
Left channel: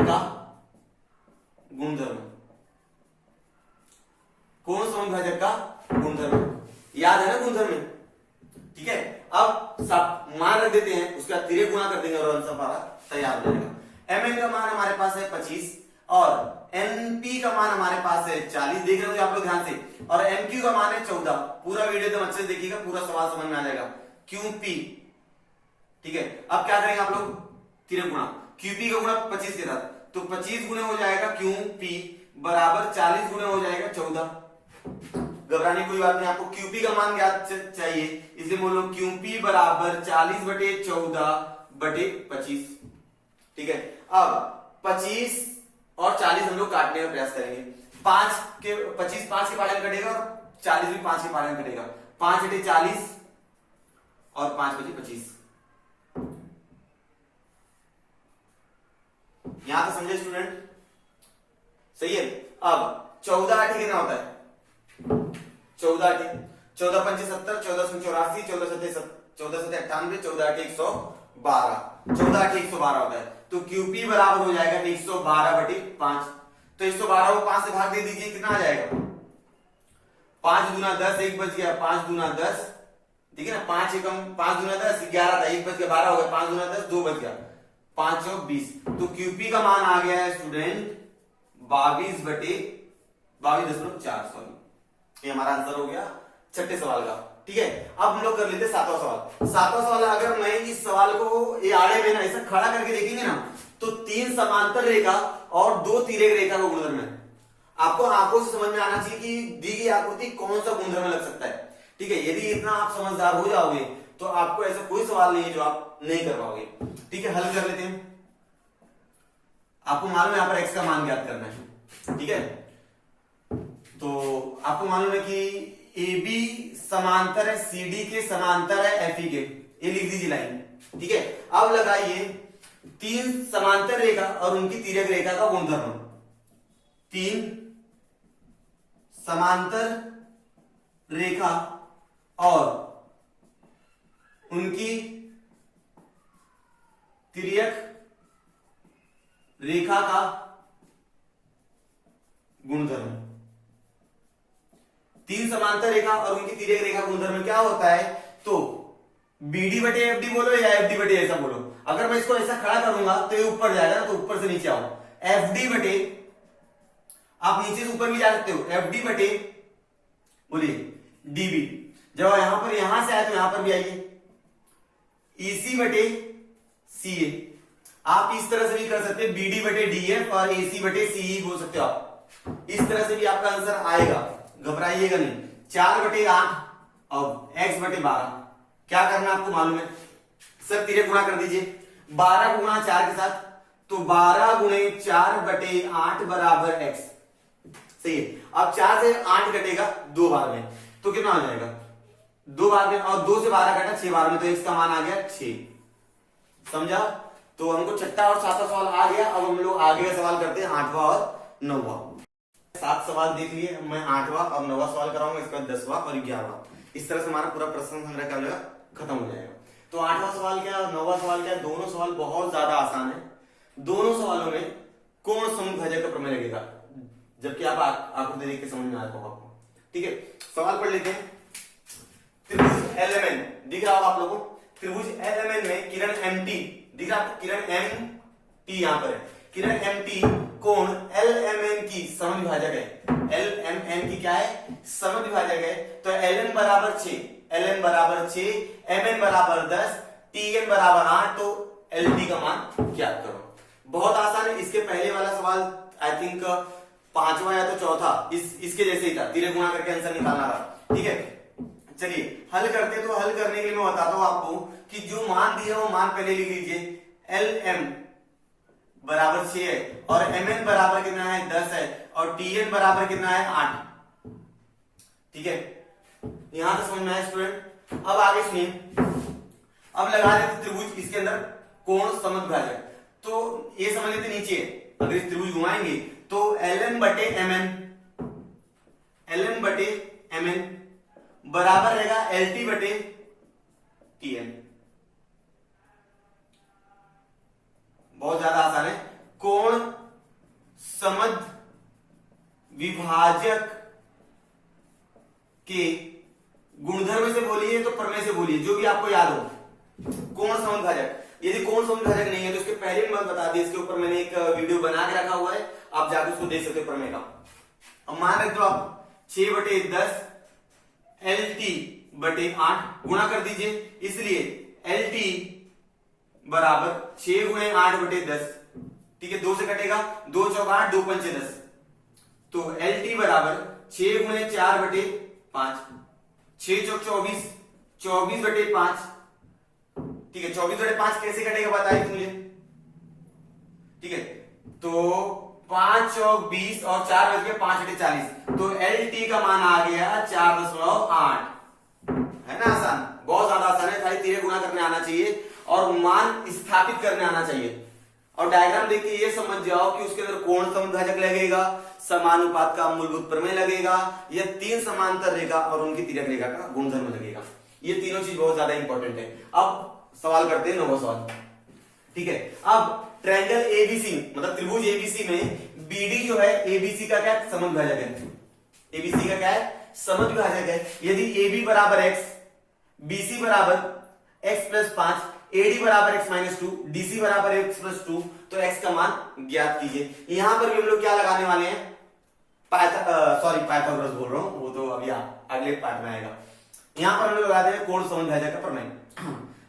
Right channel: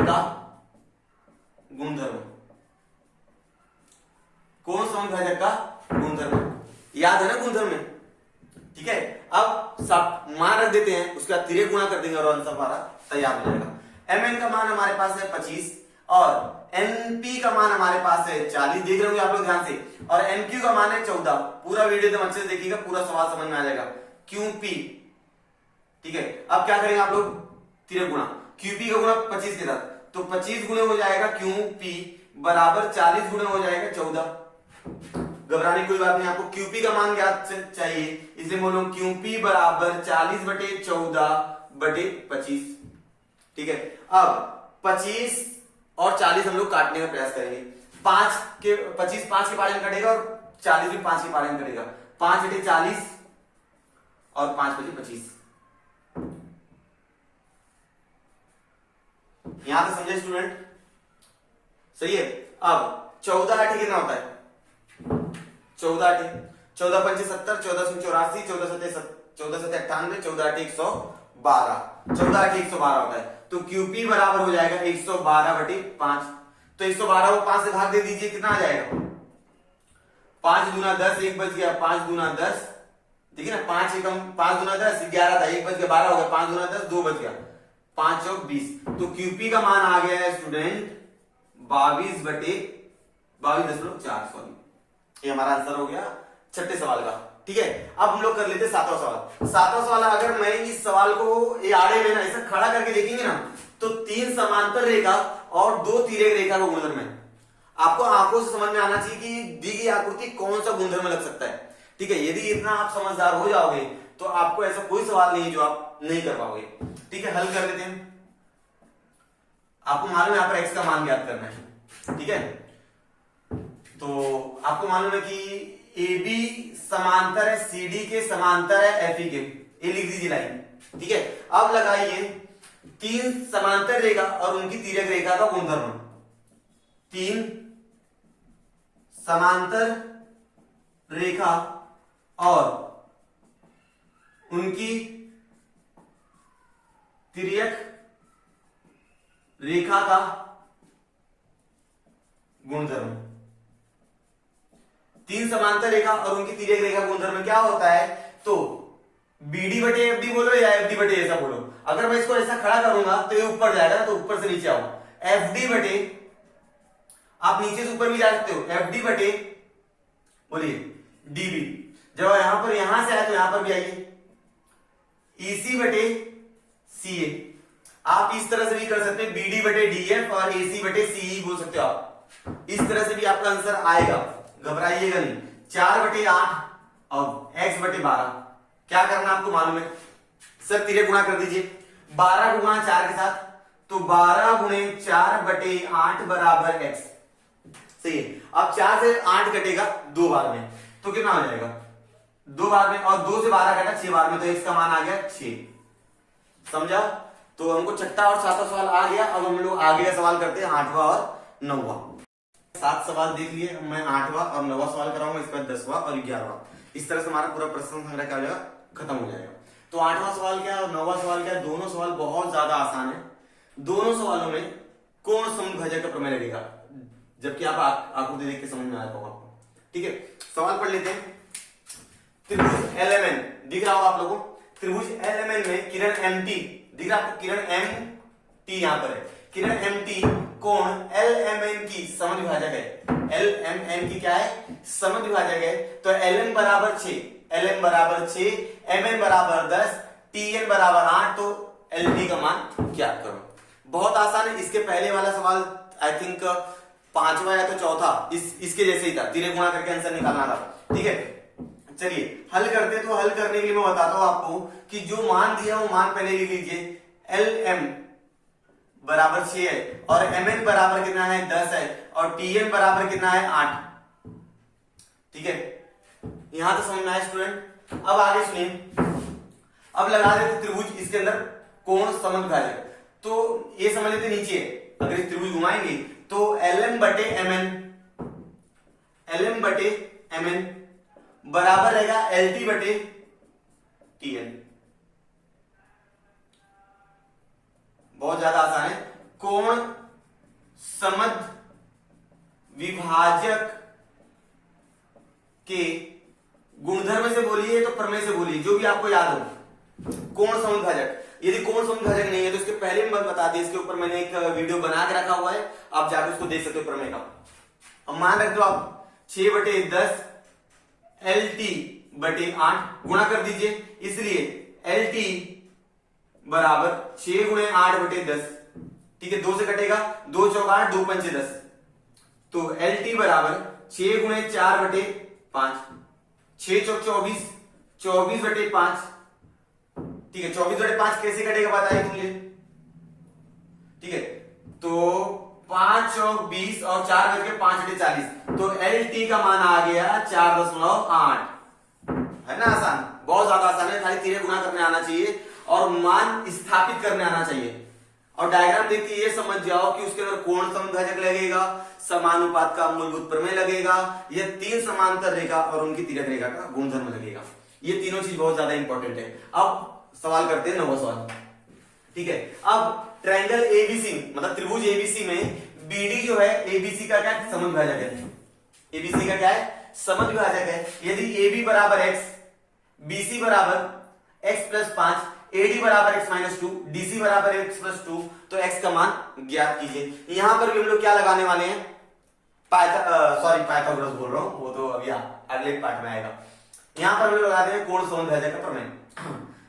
का गुणधर्म, कोण समद्विभाजक का गुणधर्म, याद है ना गुणधर्म में, ठीक है। अब सब मान रख देते हैं, उसके बाद तिर्यक गुणा कर देंगे और आंसर हमारा तैयार हो जाएगा। MN का मान हमारे पास है 25 और NP का मान हमारे पास है 40, देख रहे होंगे आप लोग ध्यान से, और MQ का मान है 14। पूरा वीडियो एकदम अच्छे से देखिएगा, पूरा सवाल समझ में आ जाएगा। QP ठीक है, अब क्या करेंगे आप लोग, तिरक गुणा, क्यूपी का गुणा 25 के साथ, तो 25 गुणे हो जाएगा क्यूपी बराबर 40 गुणे हो जाएगा 14। घबराने की कोई बात नहीं, आपको क्यूपी का मान ज्ञात चाहिए, इसलिए बोलो क्यूपी बराबर 40/14/25। ठीक है, अब 25 और 40 हम लोग काटने का प्रयास करेंगे। 25 5 के पाले में कटेगा और 40 भी 5 के पाले में कटेगा। 5 × 40 और 5 × 25। यहां तो समझे स्टूडेंट? सही है। अब 14 8 कितना होता है? 14 8 14 5 70, 14 84, 14 7 98, 14 8 112, 14 8 112 होता है। तो क्यूपी बराबर हो जाएगा 112/5। तो 112 को 5 से भाग दे दीजिए, कितना आ जाएगा? 5 दूना 10, 1 बच गया, 5 दूना 10, देखिए ना, 5 एकम 5 दूना 10 11 था, 1 बच गया 12 हो गया, 5 दूना 10 2 बच गया, 5 और 20। तो क्यूपी का मान आ गया है स्टूडेंट 22/22.4। सॉरी, ये हमारा आंसर हो गया छठे सवाल का। ठीक है, अब हम लोग कर लेते हैं सातवां सवाल। सातवां सवाल, अगर मैं इस सवाल को ये आड़े में ना ऐसा खड़ा करके देखेंगे ना, तो 3 समांतर रेखा और 2 तिर्यक रेखा का गुणधर्म है। आपको आंखों से समझ में आना चाहिए कि दी गई आकृति कौन सा गुणधर्म लग सकता है। ठीक है, यदि इतना आप समझदार हो जाओगे तो आपको ऐसा कोई सवाल नहीं है जो आप नहीं कर पाओगे। ठीक है, हल कर लेते हैं। आपको मालूम है यहाँ पर x का मान ज्ञात करना है। ठीक है, तो आपको मालूम है कि AB समांतर है CD के, समांतर है FE के, ये लिख दीजिए लाइन। ठीक है, अब लगाइए 3 समांतर रेखा और उनकी तिर्यक रेखा का गुणधर्म। 3 समांतर रेखा और उनकी तिर्यक रेखा का गुणधर्म। 3 समांतर रेखा और उनकी तिर्यक रेखा गुणधर्म क्या होता है? तो BD/FD बोलो या FD/ ऐसा बोलो। अगर मैं इसको ऐसा खड़ा करूंगा तो ये ऊपर जाएगा, तो ऊपर से नीचे आओ। FD/, आप नीचे से ऊपर भी जा सकते हो, FD/ बोलिए DB। जब यहां पर यहां से आए तो यहां पर भी आइए, EC/CA। आप इस तरह से भी कर सकते हैं, BD/DF और AC/CE बोल सकते हो आप। इस तरह से भी आपका आंसर आएगा, घबराइएगा नहीं। 4/8 और x/12। क्या करना आपको मालूम है? सर तिर्यक गुणा कर दीजिए, 12 गुणा 4 के साथ, तो 12 गुणे 4/8 बराबर x। सही है। अब 4 से 8 कटेगा 2 बार में, तो कितना हो जाएगा? 2 बार में, और 2 से 12 कटा 6 बार में, तो x का मान आ गया 6। समझा? तो हमको छठा और सातवां सवाल आ गया। अब हम लोग आगे का सवाल करते हैं, 8वां और 9वां। 7 सवाल देख लिए, मैं 8वां और 9वां सवाल कराऊंगा, इसके बाद 10वां और 11वां। इस तरह से हमारा पूरा प्रश्न संग्रह क्या हो जाएगा, खत्म हो जाएगा। तो 8वां सवाल क्या और 9वां सवाल क्या, दोनों सवाल बहुत ज्यादा आसान है। दोनों सवालों में कौन समभाजक का प्रमेय लगेगा, जबकि आप आकृति देख के समझ में आएगा आपको। ठीक है, सवाल पढ़ लेते हैं। त्रिभुज LMN दिख रहा होगा आप लोगों को। त्रिभुज LMN में किरण MT दिख रहा है आपको, किरण MT यहां पर है। किरण MT कोण LMN की समद्विभाजक है। LMN की क्या है? समद्विभाजक है। तो LN बराबर 6, LN बराबर 6, MN बराबर 10, TN बराबर 8, तो LT का मान ज्ञात करो। बहुत आसान है। इसके पहले वाला सवाल आई थिंक 5वां या तो चौथा इसके जैसे ही था, तिर्यक गुणा करके आंसर निकालना था। ठीक है, चलिए हल करते हैं। तो हल करने के लिए मैं बताता हूं आपको कि जो मान दिया वो मान पहले लिख लीजिए। LM बराबर 6 है और MN बराबर कितना है? 10 है, और TN बराबर कितना है? 8। ठीक है, यहां तक समझ में आया स्टूडेंट? अब आगे सुनिए। अब लगा देते त्रिभुज, इसके अंदर कोण समद्विभाजक। तो ये समझ लेते नीचे, अगर इस त्रिभुज घुमाएंगे तो LN/MN बराबर रहेगा LT/TN। बहुत ज्यादा आसान है। कोण समद्विभाजक के गुणधर्म से बोलिए तो प्रमेय से बोलिए, जो भी आपको याद हो। कोण समद्विभाजक, यदि कोण समद्विभाजक नहीं है तो इसके पहले मैं बता दिया, इसके ऊपर मैंने एक वीडियो बना के रखा हुआ है, आप जाकर उसको देख सकते हो प्रमेय का। अब मान रख दो आप 6/10 LT/8 गुणा कर दीजिए, इसलिए LT बराबर 6 गुणे 8 बटे 10। ठीक है, 2 से कटेगा, 2 चौक 8, 2 पंचे 10। तो एल टी बराबर 6 गुणे 4 बटे 5, 6 चौक 24, 24 बटे 5। ठीक है, 24 बटे 5 कैसे कटेगा बताइए मुझे। ठीक है, तो 5 चौक 20 और 4 बज के 5 बटे 40, तो एल टी का मान आ गया 4.8। है ना आसान, बहुत ज्यादा आसान है, खाली तिरे गुना करने आना चाहिए और मान स्थापित करने आना चाहिए। और डायग्राम देख के ये समझ जाओ कि उसके अंदर कोण समभाजक लगेगा, समानुपात का मूलभूत प्रमेय लगेगा, ये 3 समांतर रेखा और उनकी तिर्यक रेखा का गुणधर्म लगेगा। ये तीनों चीज बहुत ज्यादा इंपॉर्टेंट है। अब सवाल करते हैं 9वां सवाल। ठीक है, अब ट्रायंगल एबीसी मतलब त्रिभुज एबीसी में बीडी जो है एबीसी का क्या समद्विभाजक है। एबीसी का क्या है, समद्विभाजक है। यदि AB बराबर x, BC बराबर x प्लस 5, AD बराबर x माइनस 2, DC बराबर x प्लस 2, तो x का मान ज्ञात कीजिए। यहां पर भी हम लोग क्या लगाने वाले हैं, पाइथागोरस बोल रहा हूं, वो तो अभी अगले पार्ट में आएगा। यहां पर हम लोग लगाते हैं कोण समद्विभाजक का प्रमेय।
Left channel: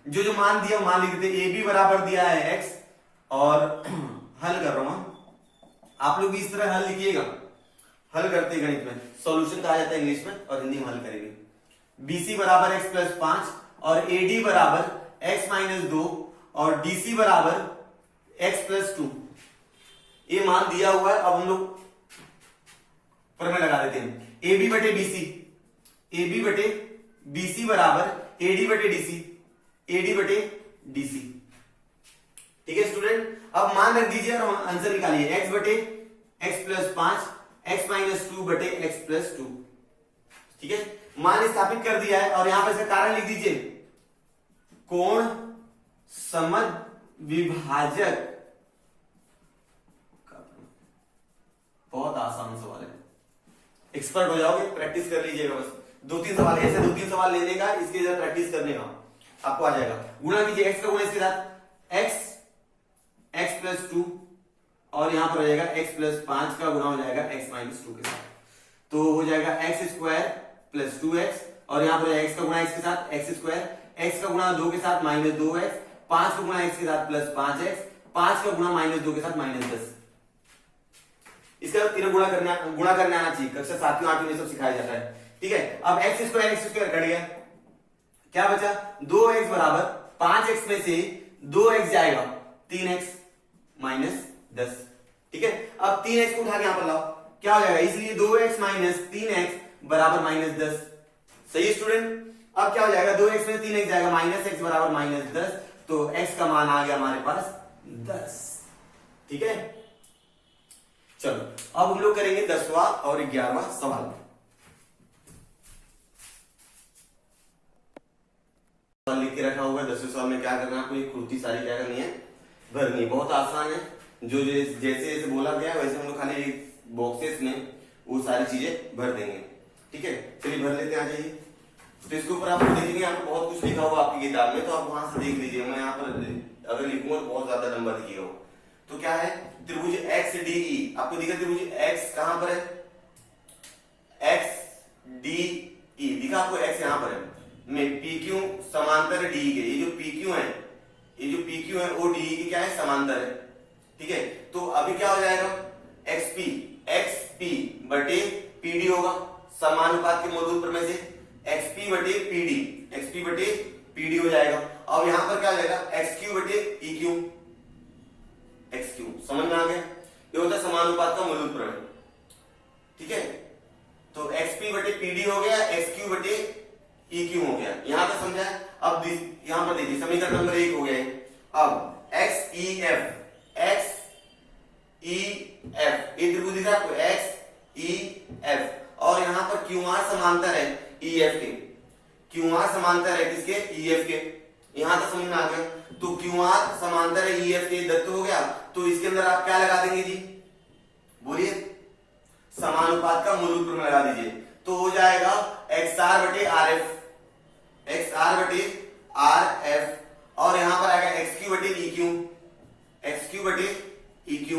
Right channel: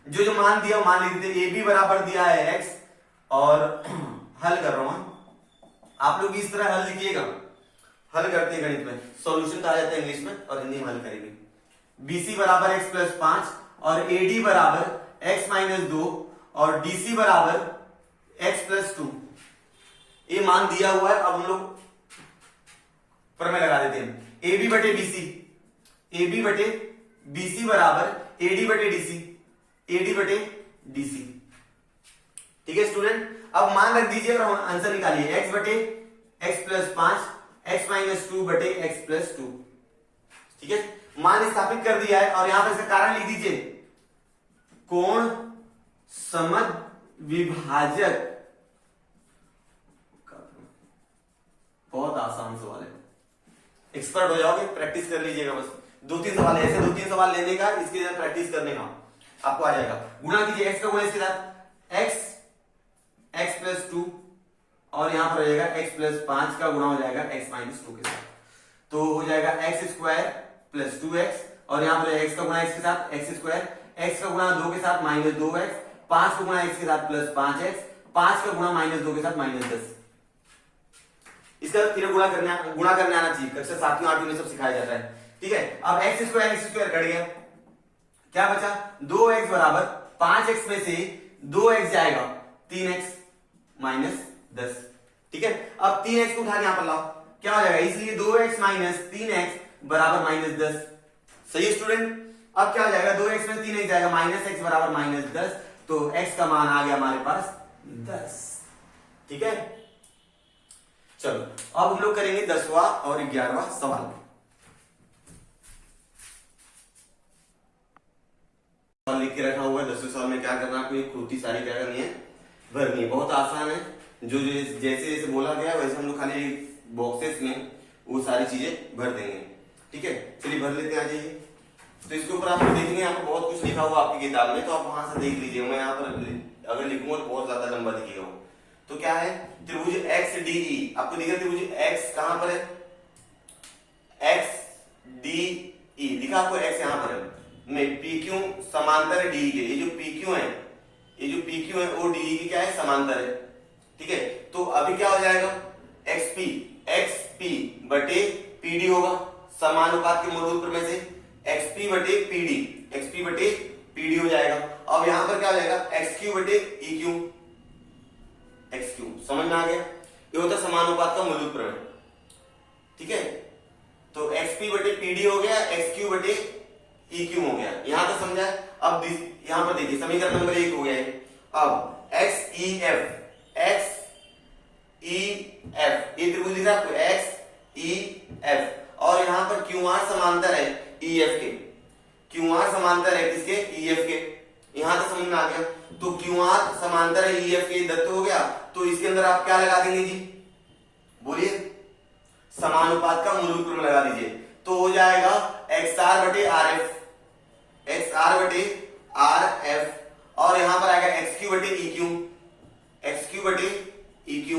जो जो मान दिया वो मान लिख देते। AB बराबर दिया है x और हल कर रहा हूं, आप लोग इस तरह हल लिखिएगा। हल करते हैं गणित में, सॉल्यूशन कहा जाता है इंग्लिश में, और हिंदी में हल करेंगे। BC बराबर x प्लस 5 और AD बराबर x माइनस 2 और DC बराबर x प्लस 2, ये मान दिया हुआ है। अब हम लोग प्रमेय लगा देते हैं। AB बटे BC, AB बटे BC बराबर AD बटे DC, AD बटे DC। ठीक है स्टूडेंट, अब मान रख दीजिए और आंसर निकालिए। x बटे x प्लस 5, x माइनस 2 बटे x प्लस 2। ठीक है, मान स्थापित कर दिया है और यहां पर इसका कारण लिख दीजिए, कोण समद्विभाजक। बहुत आसान सवाल है, एक्सपर्ट हो जाओगे, प्रैक्टिस कर लीजिएगा। बस 2-3 सवाल ऐसे, 2-3 सवाल लेने का, इसके लिए प्रैक्टिस करने का, आपको आ जाएगा। गुणा कीजिए, x का गुणा इसके साथ x प्लस 2 और यहां पर हो जाएगा x प्लस 5 का गुणा हो जाएगा x माइनस 2 के साथ, तो हो जाएगा x स्क्वायर प्लस 2x, और यहां पर x का गुणा x के साथ x स्क्वायर, x का गुणा 2 के साथ माइनस 2x, 5 का गुणा x के साथ प्लस 5x, 5 का गुणा माइनस 2 के साथ माइनस 10। इसका तीनों गुणा करने आना चाहिए, कक्षा 7वीं 8वीं में सब सिखाया जाता है। ठीक है, अब x स्क्वायर कट गया, क्या बचा 2x बराबर 5x में से 2x जाएगा 3x माइनस 10। ठीक है, अब 3x को उठा के यहां पर लाओ, क्या हो जाएगा, इसलिए 2x माइनस 3x बराबर माइनस 10। सही है स्टूडेंट, अब क्या हो जाएगा, 2x में 3x जाएगा, माइनस x बराबर माइनस 10, तो x का मान आ गया हमारे पास 10। ठीक है, चलो अब हम लोग करेंगे 10वां और 11वां सवाल। लिख के रखा हुआ है 10वें सवाल में क्या करना है, कोई कृति सारी क्या करनी है, भरनी है। बहुत आसान है, जो जैसे जैसे बोला गया वैसे हम लोग खाली बॉक्सेस में वो सारी चीजें भर देंगे। ठीक है, चलिए भर लेते हैं, आ जाइए। तो इसके ऊपर आप देखेंगे यहाँ पर बहुत कुछ लिखा हुआ आपकी किताब में, तो आप वहां से देख लीजिए। मैं यहाँ पर अगर लिखूंगा तो बहुत ज्यादा लंबा दिखेगा। तो क्या है, त्रिभुज XDE, आपको दिखा त्रिभुज X कहां पर है, XDE दिखा आपको, X यहां पर है, में PQ समांतर है DE के। ये जो PQ है वो DE के क्या है, समांतर है। ठीक है, तो अभी क्या हो जाएगा, XP बटे PD होगा, समानुपात के मूलभूत प्रमेय से XP बटे PD हो जाएगा। अब यहां पर क्या हो जाएगा, XQ बटे EQ, XQ समझ में आ गया, ये होता है समानुपात का मूलभूत प्रमेय। ठीक है, तो XP बटे PD हो गया, XQ बटे EQ हो गया, यहां तक समझा। अब यहां पर देखिए समीकरण नंबर 1 हो गया है। अब XEF ये त्रिभुज दिख रहा है आपको, XEF, और यहां पर QR समांतर है EF के, QR समांतर है किसके, EF के, यहां तक समझ में आ गया। तो QR समांतर है EF के, दत्त हो गया, तो इसके अंदर आप क्या लगा देंगे जी, बोलिए, समानुपात का मूलभूत प्रमेय लगा दीजिए, तो हो जाएगा XR बटे RF, और यहां पर आएगा XQ बटे EQ,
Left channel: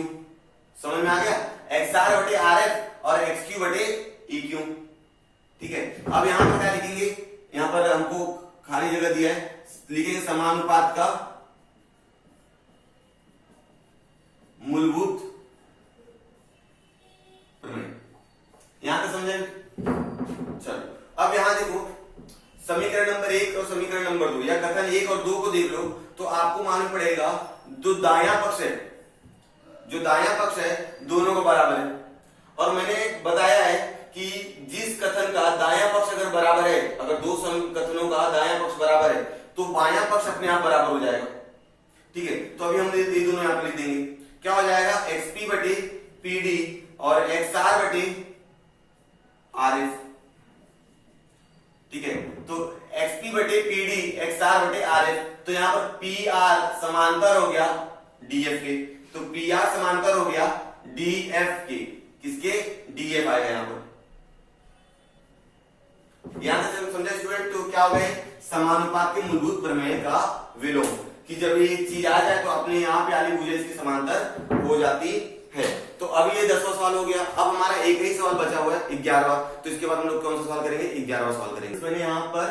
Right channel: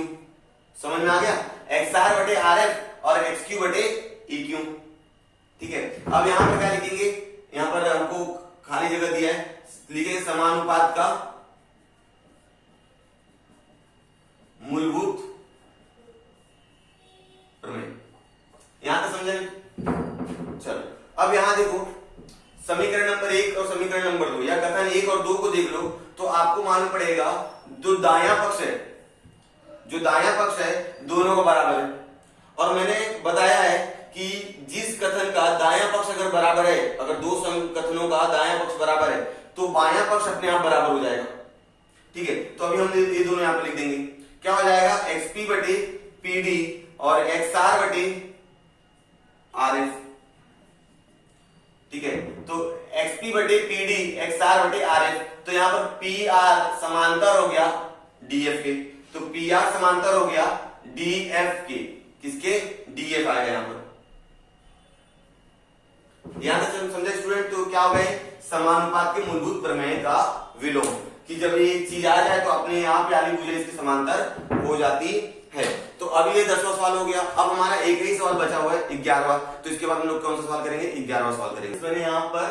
समझ में आ गया, XR बटे RF और XQ बटे EQ। ठीक है, अब यहां पर क्या लिखेंगे, यहां पर हमको खाली जगह दिया है, लिखेंगे समानुपात का मूलभूत प्रमेय। यहां तक समझे? चलो अब यहां देखो समीकरण नंबर 1 और समीकरण नंबर 2 या कथन 1 और 2 को देख लो तो आपको मालूम पड़ेगा जो दायां पक्ष है, जो दायां पक्ष है दोनों को बराबर है। और मैंने बताया है कि जिस कथन का दायां पक्ष अगर बराबर है, अगर दो कथनों का दायां पक्ष बराबर है तो बायां पक्ष अपने आप बराबर हो जाएगा। ठीक है, तो अभी हम ये दोनों यहां पर लिख देंगे। क्या हो जाएगा? XP बटे PD और XR बटे RF। ठीक है, तो XP बटे PD XR बटे RF, तो यहां पर PR समांतर हो गया DF के, तो PR समांतर हो गया DF के। किसके? DF आएगा यहां पर। यहां तक समझे स्टूडेंट? तो क्या हो गए? समानुपात के मूलभूत प्रमेय का विलोम, कि जब एक चीज आ जाए तो अपने आप यानी मुझे इसकी समांतर हो जाती है। तो अब ये 10वां सवाल हो गया। अब हमारा एक ही सवाल बचा हुआ है 11वां, तो इसके बाद हम लोग कौन सा सवाल करेंगे? 11वां सवाल करेंगे। मैंने यहाँ पर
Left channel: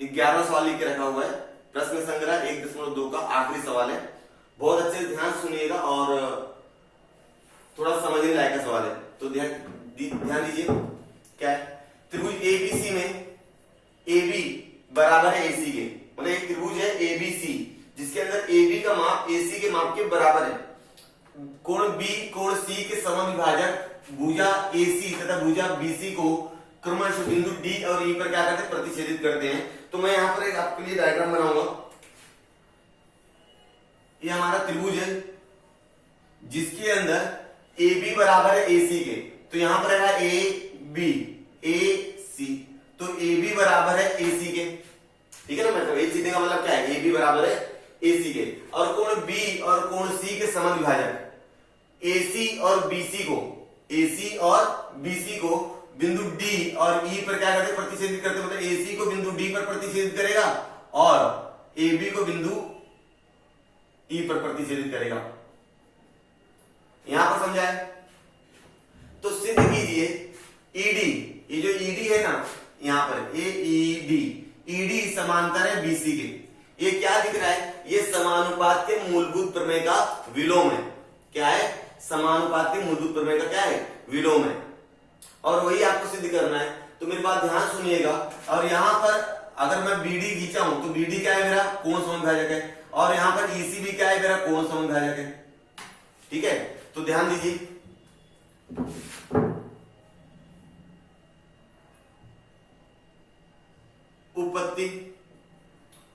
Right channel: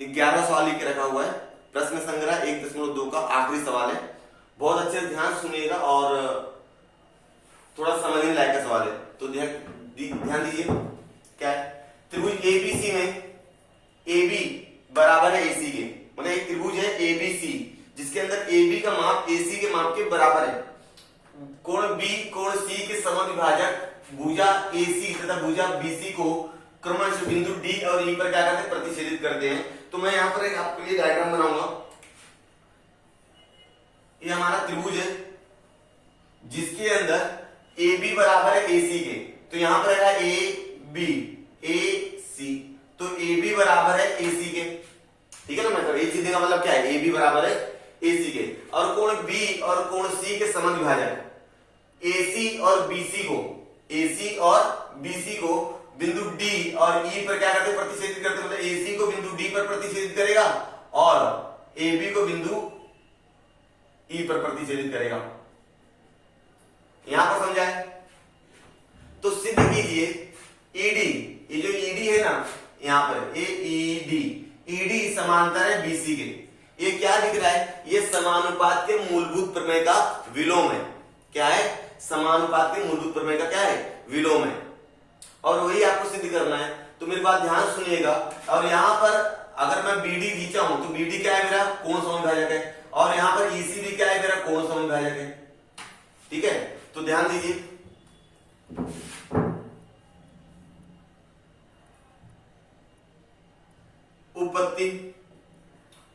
11वां सवाल लिख के रखा हुआ है, प्रश्न संग्रह 1.2 का आखिरी सवाल है। बहुत अच्छे से ध्यान सुनिएगा और थोड़ा समझने लायक का सवाल है, तो ध्यान दीजिए। क्या? त्रिभुज ABC में AB बराबर है AC के, मतलब एक त्रिभुज है ABC जिसके अंदर AB का माप AC के माप के बराबर है। कोण B कोण C के समविभाजक भुजा AC तथा भुजा BC को क्रमशः बिंदु D और E पर क्या करते हैं? प्रतिच्छेदित करते हैं। तो मैं यहां पर एक आपके लिए डायग्राम बनाऊंगा। ये हमारा त्रिभुज है जिसके अंदर AB बराबर है AC के, तो यहां पर रहेगा AB AC, तो AB बराबर है AC के। ठीक है ना, मतलब AC का मतलब क्या है? AB बराबर है AC के। और कोण B और कोण C के समविभाजक AC और BC को, AC और BC को बिंदु D और E पर क्या करते? प्रतिच्छेदित करते, मतलब AC को बिंदु D पर प्रतिच्छेदित करेगा और AB को बिंदु E पर प्रतिच्छेदित करेगा। यहां पर समझा है? तो सिद्ध कीजिए ED, ये जो ED है ना यहां पर ED समांतर है BC के। ये क्या दिख रहा है? ये समानुपात के मूलभूत प्रमेय का विलोम है। क्या है? समानुपात के मूलभूत प्रमेय का क्या है? विलोम है। और वही आपको सिद्ध करना है, तो मेरी बात ध्यान सुनिएगा। और यहां पर अगर मैं BD खींचा हूं तो BD क्या है? मेरा कोण समविभाजक है। और यहां पर EC भी क्या है? मेरा कोण समविभाजक है। ठीक है, तो ध्यान दीजिए।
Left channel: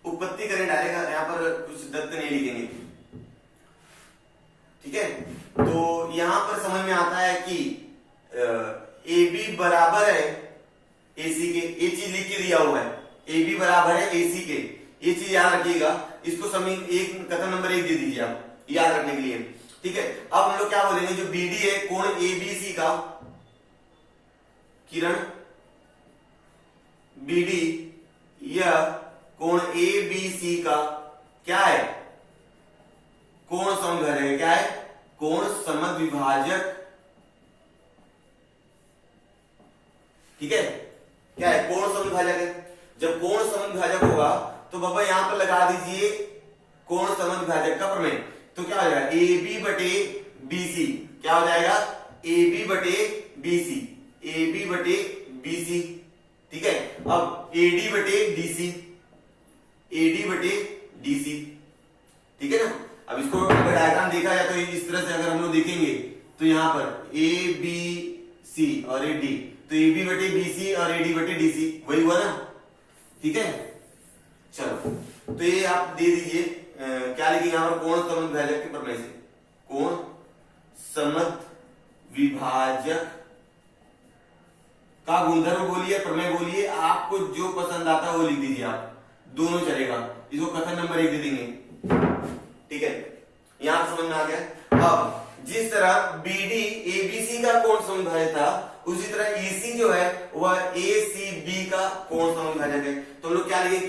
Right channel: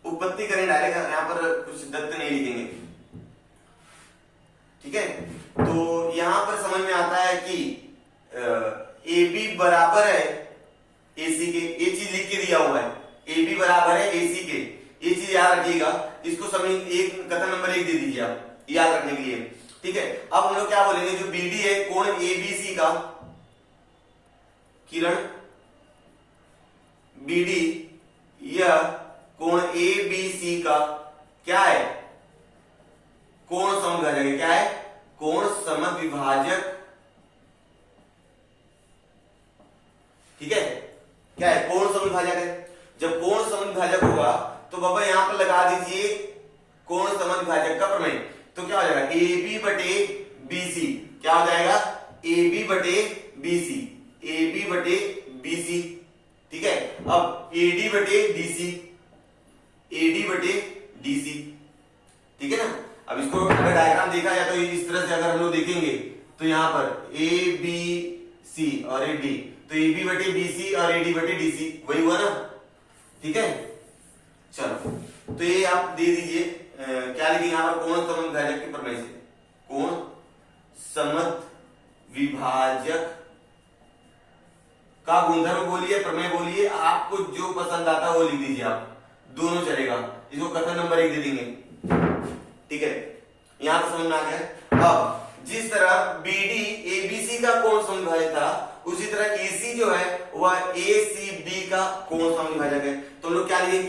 उपपत्ति करें डायरेक्ट, यहां पर कुछ सिद्धांत नहीं लिखेंगे। ठीक है, तो यहां पर समझ में आता है कि AB बराबर है AC के। ये चीज लिख के दिया हुआ है, AB बराबर है AC के। ये चीज याद रखिएगा। इसको समय एक कथन नंबर 1 दे दीजिए आप याद रखने के लिए। ठीक है, अब हम लोग क्या बोलेंगे? जो BD है कोण ABC का, किरण BD यह कोण ABC का क्या है? कोण समविभाजक है। क्या है? कोण समविभाजक। ठीक है, क्या है? कोण समविभाजक है। जब कोण समविभाजक होगा तो बाबा यहां पर लगा दीजिए कोण समविभाजक का प्रमेय। तो क्या हो जाएगा? AB बटे BC। क्या हो जाएगा? AB बटे BC, AB बटे BC। ठीक है, अब AD बटे DC, AD बटे DC। ठीक है ना। अब इसको अगर डायग्राम देखा जाए तो इस तरह से अगर हम लोग देखेंगे तो यहां पर ABC और AD, तो AB बटे BC और AD बटे DC, वही हुआ ना। ठीक है, चलो तो ये आप दे दीजिए। क्या लिखेंगे यहां पर? कोण समविभाजक के प्रमेय से, कोण समविभाजक का गुणधर्म बोलिए, प्रमेय बोलिए, आपको जो पसंद आता है वो लिख दीजिए आप, दोनों चलेगा। इसको कथन नंबर 1 दे देंगे। ठीक है, यहां पर समझ में आ गया। अब जिस तरह BD ABC का कोण समविभाजक था, उसी तरह EC जो है वह ACB का कोण समविभाजक है। तो हम लोग क्या लिखे?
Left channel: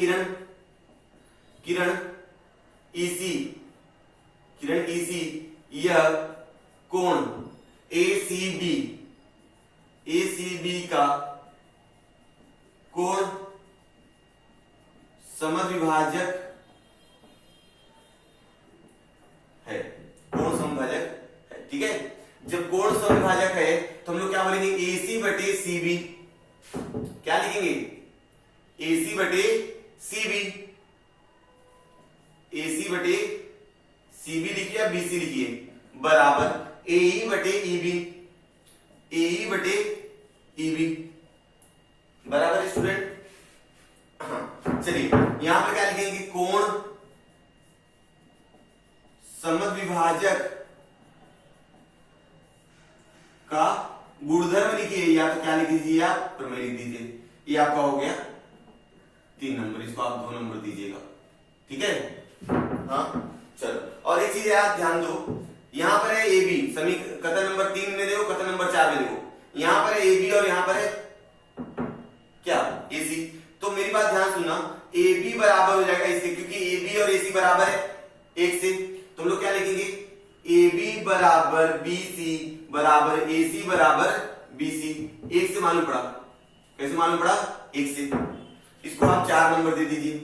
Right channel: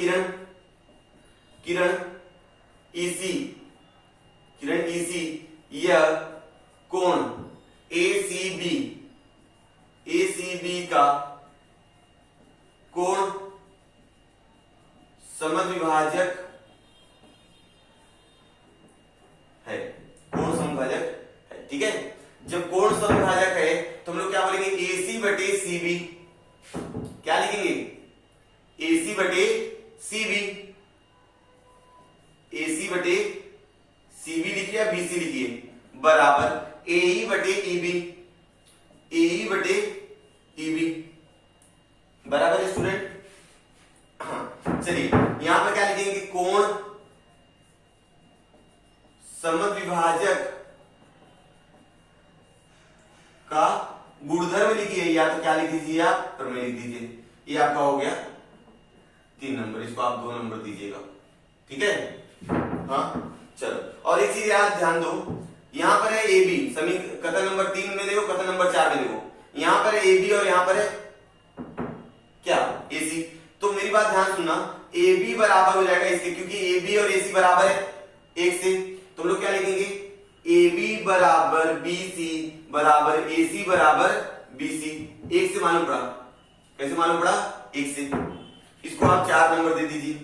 किरण EC यह कोण ACB का कोण समविभाजक है, कोण समविभाजक क्या लिखेंगे, AC बटे CB, AC बटे CB लिखिए या BC लिखिए, बराबर AE बटे EB, AE बटे EB, बराबर है स्टूडेंट। हाँ चलिए यहां पर क्या लिखेंगे, कोण समद्विभाजक का गुणधर्म लिखिए, या तो क्या लिख दीजिए आप, प्रमेय लिख दीजिए। ये आपका हो गया 3 नंबर, इसको आप 2 नंबर दीजिएगा, ठीक है। हाँ चलो, और एक चीज याद ध्यान दो, यहां पर है ए बी, कथन नंबर 3 में देखो, कथन नंबर 4 में देखो, यहां पर है ए बी और यहां पर है क्या, ए सी। तो मेरी बात ध्यान सुनना, ए बी बराबर हो जाएगा इसके, क्योंकि ए बी और ए सी बराबर है 1 से, तो हम लोग क्या लिखेंगे, ए बी बराबर बी सी बराबर ए सी बराबर बी सी। 1 से मालूम पड़ा, कैसे मालूम पड़ा, 1 से। इसको आप 4 नंबर दे दीजिए,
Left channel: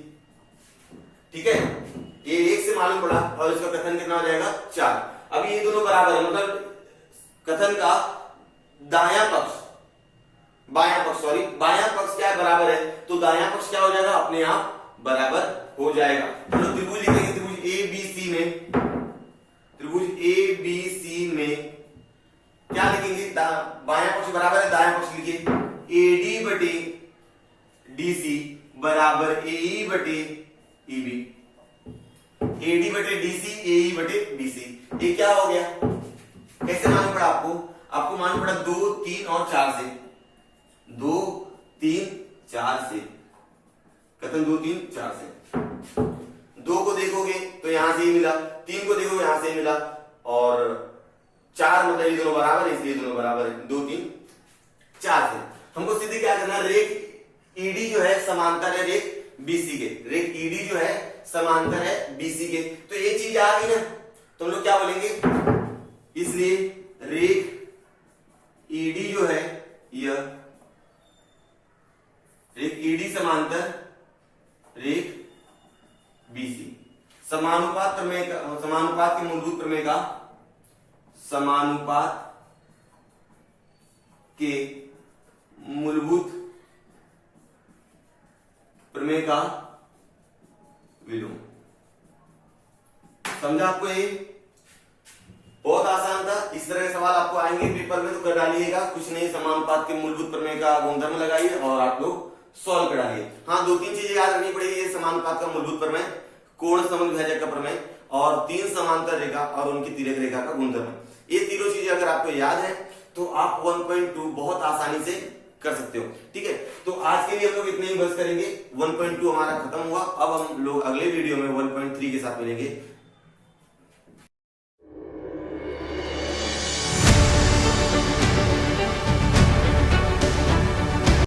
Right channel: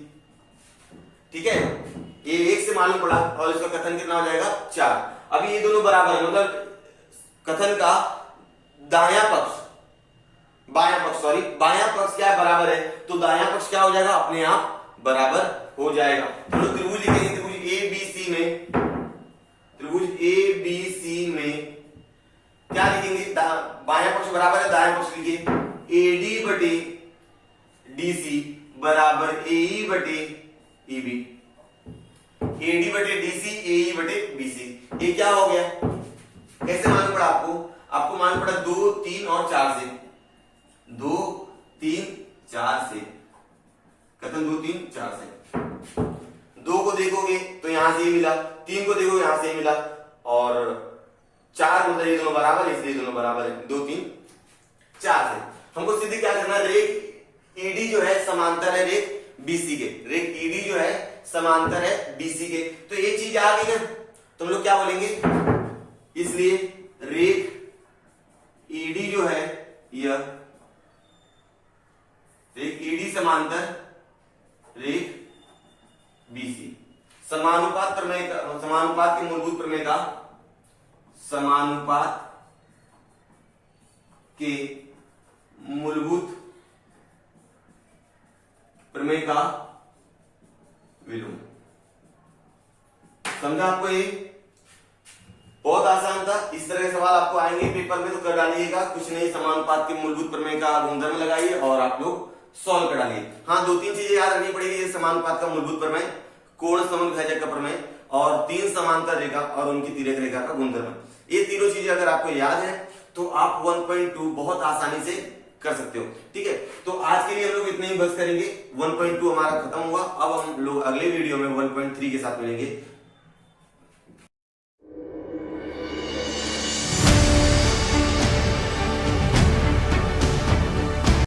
ठीक है। ये 1 से मालूम पड़ा और इसका कथन कितना हो जाएगा, 4। अब ये दोनों बराबर है, मतलब कथन का दायां पक्ष, बायां पक्ष सॉरी, बायां पक्ष क्या है, बराबर है, तो दायां पक्ष क्या हो जाएगा, अपने आप बराबर हो जाएगा। तो त्रिभुज लिखेंगे, त्रिभुज ए बी सी में, त्रिभुज ए बी सी में क्या लिखेंगे, बायां पक्ष बराबर है, दायां पक्ष लिखिए एडी बटे डीसी बराबर एई बटे ईबी, एडी बटे डीसी एई बटे बीसी। ये क्या हो गया, कैसे मालूम पड़ा आपको, आपको मालूम पड़ा 2, 3 और 4 से, 2, 3, 4 से, कथन 2, 3, 4 से। 2 को देखोगे तो यहां से ही मिला, 3 को देखोगे यहां से ही मिला, और 4 मतलब ये दोनों बराबर है, इसलिए दोनों बराबर है, 2, 3, 4 से। हमको सीधे क्या करना, रेख ईडी जो है समांतर है रेख बीसी के, रेख ईडी जो है समांतर है बीसी के। तो एक चीज आ गई ना, तो हम लोग क्या बोलेंगे, इसलिए रेख ईडी जो है, यह रेख ईडी समांतर रेख बीसी, समानुपात प्रमेय का, समानुपात के मूलभूत प्रमेय का, समानुपात के मूलभूत प्रमेय का विलोम। समझा आपको, ये बहुत आसान था। इस तरह के सवाल आपको आएंगे पेपर में तो कर डालिएगा, कुछ नहीं, समानुपात के मूलभूत प्रमेय का गुणधर्म लगाइए और आप लोग सॉल्व कर डालिए। हाँ 2-3 चीजें याद रखनी पड़ेगी, ये समानुपात का मूलभूत प्रमेय, कोण समद्विभाजक का प्रमेय, और 3 समांतर रेखा और उनकी तिर्यक रेखा का गुणधर्म। ये तीनों चीजें अगर आपको याद है तो आप 1.2 बहुत आसानी से कर सकते हो, ठीक है। तो आज के लिए हम लोग इतने ही बस करेंगे, 1.2 हमारा खत्म हुआ। अब हम लोग अगले वीडियो में 1.3 के साथ मिलेंगे।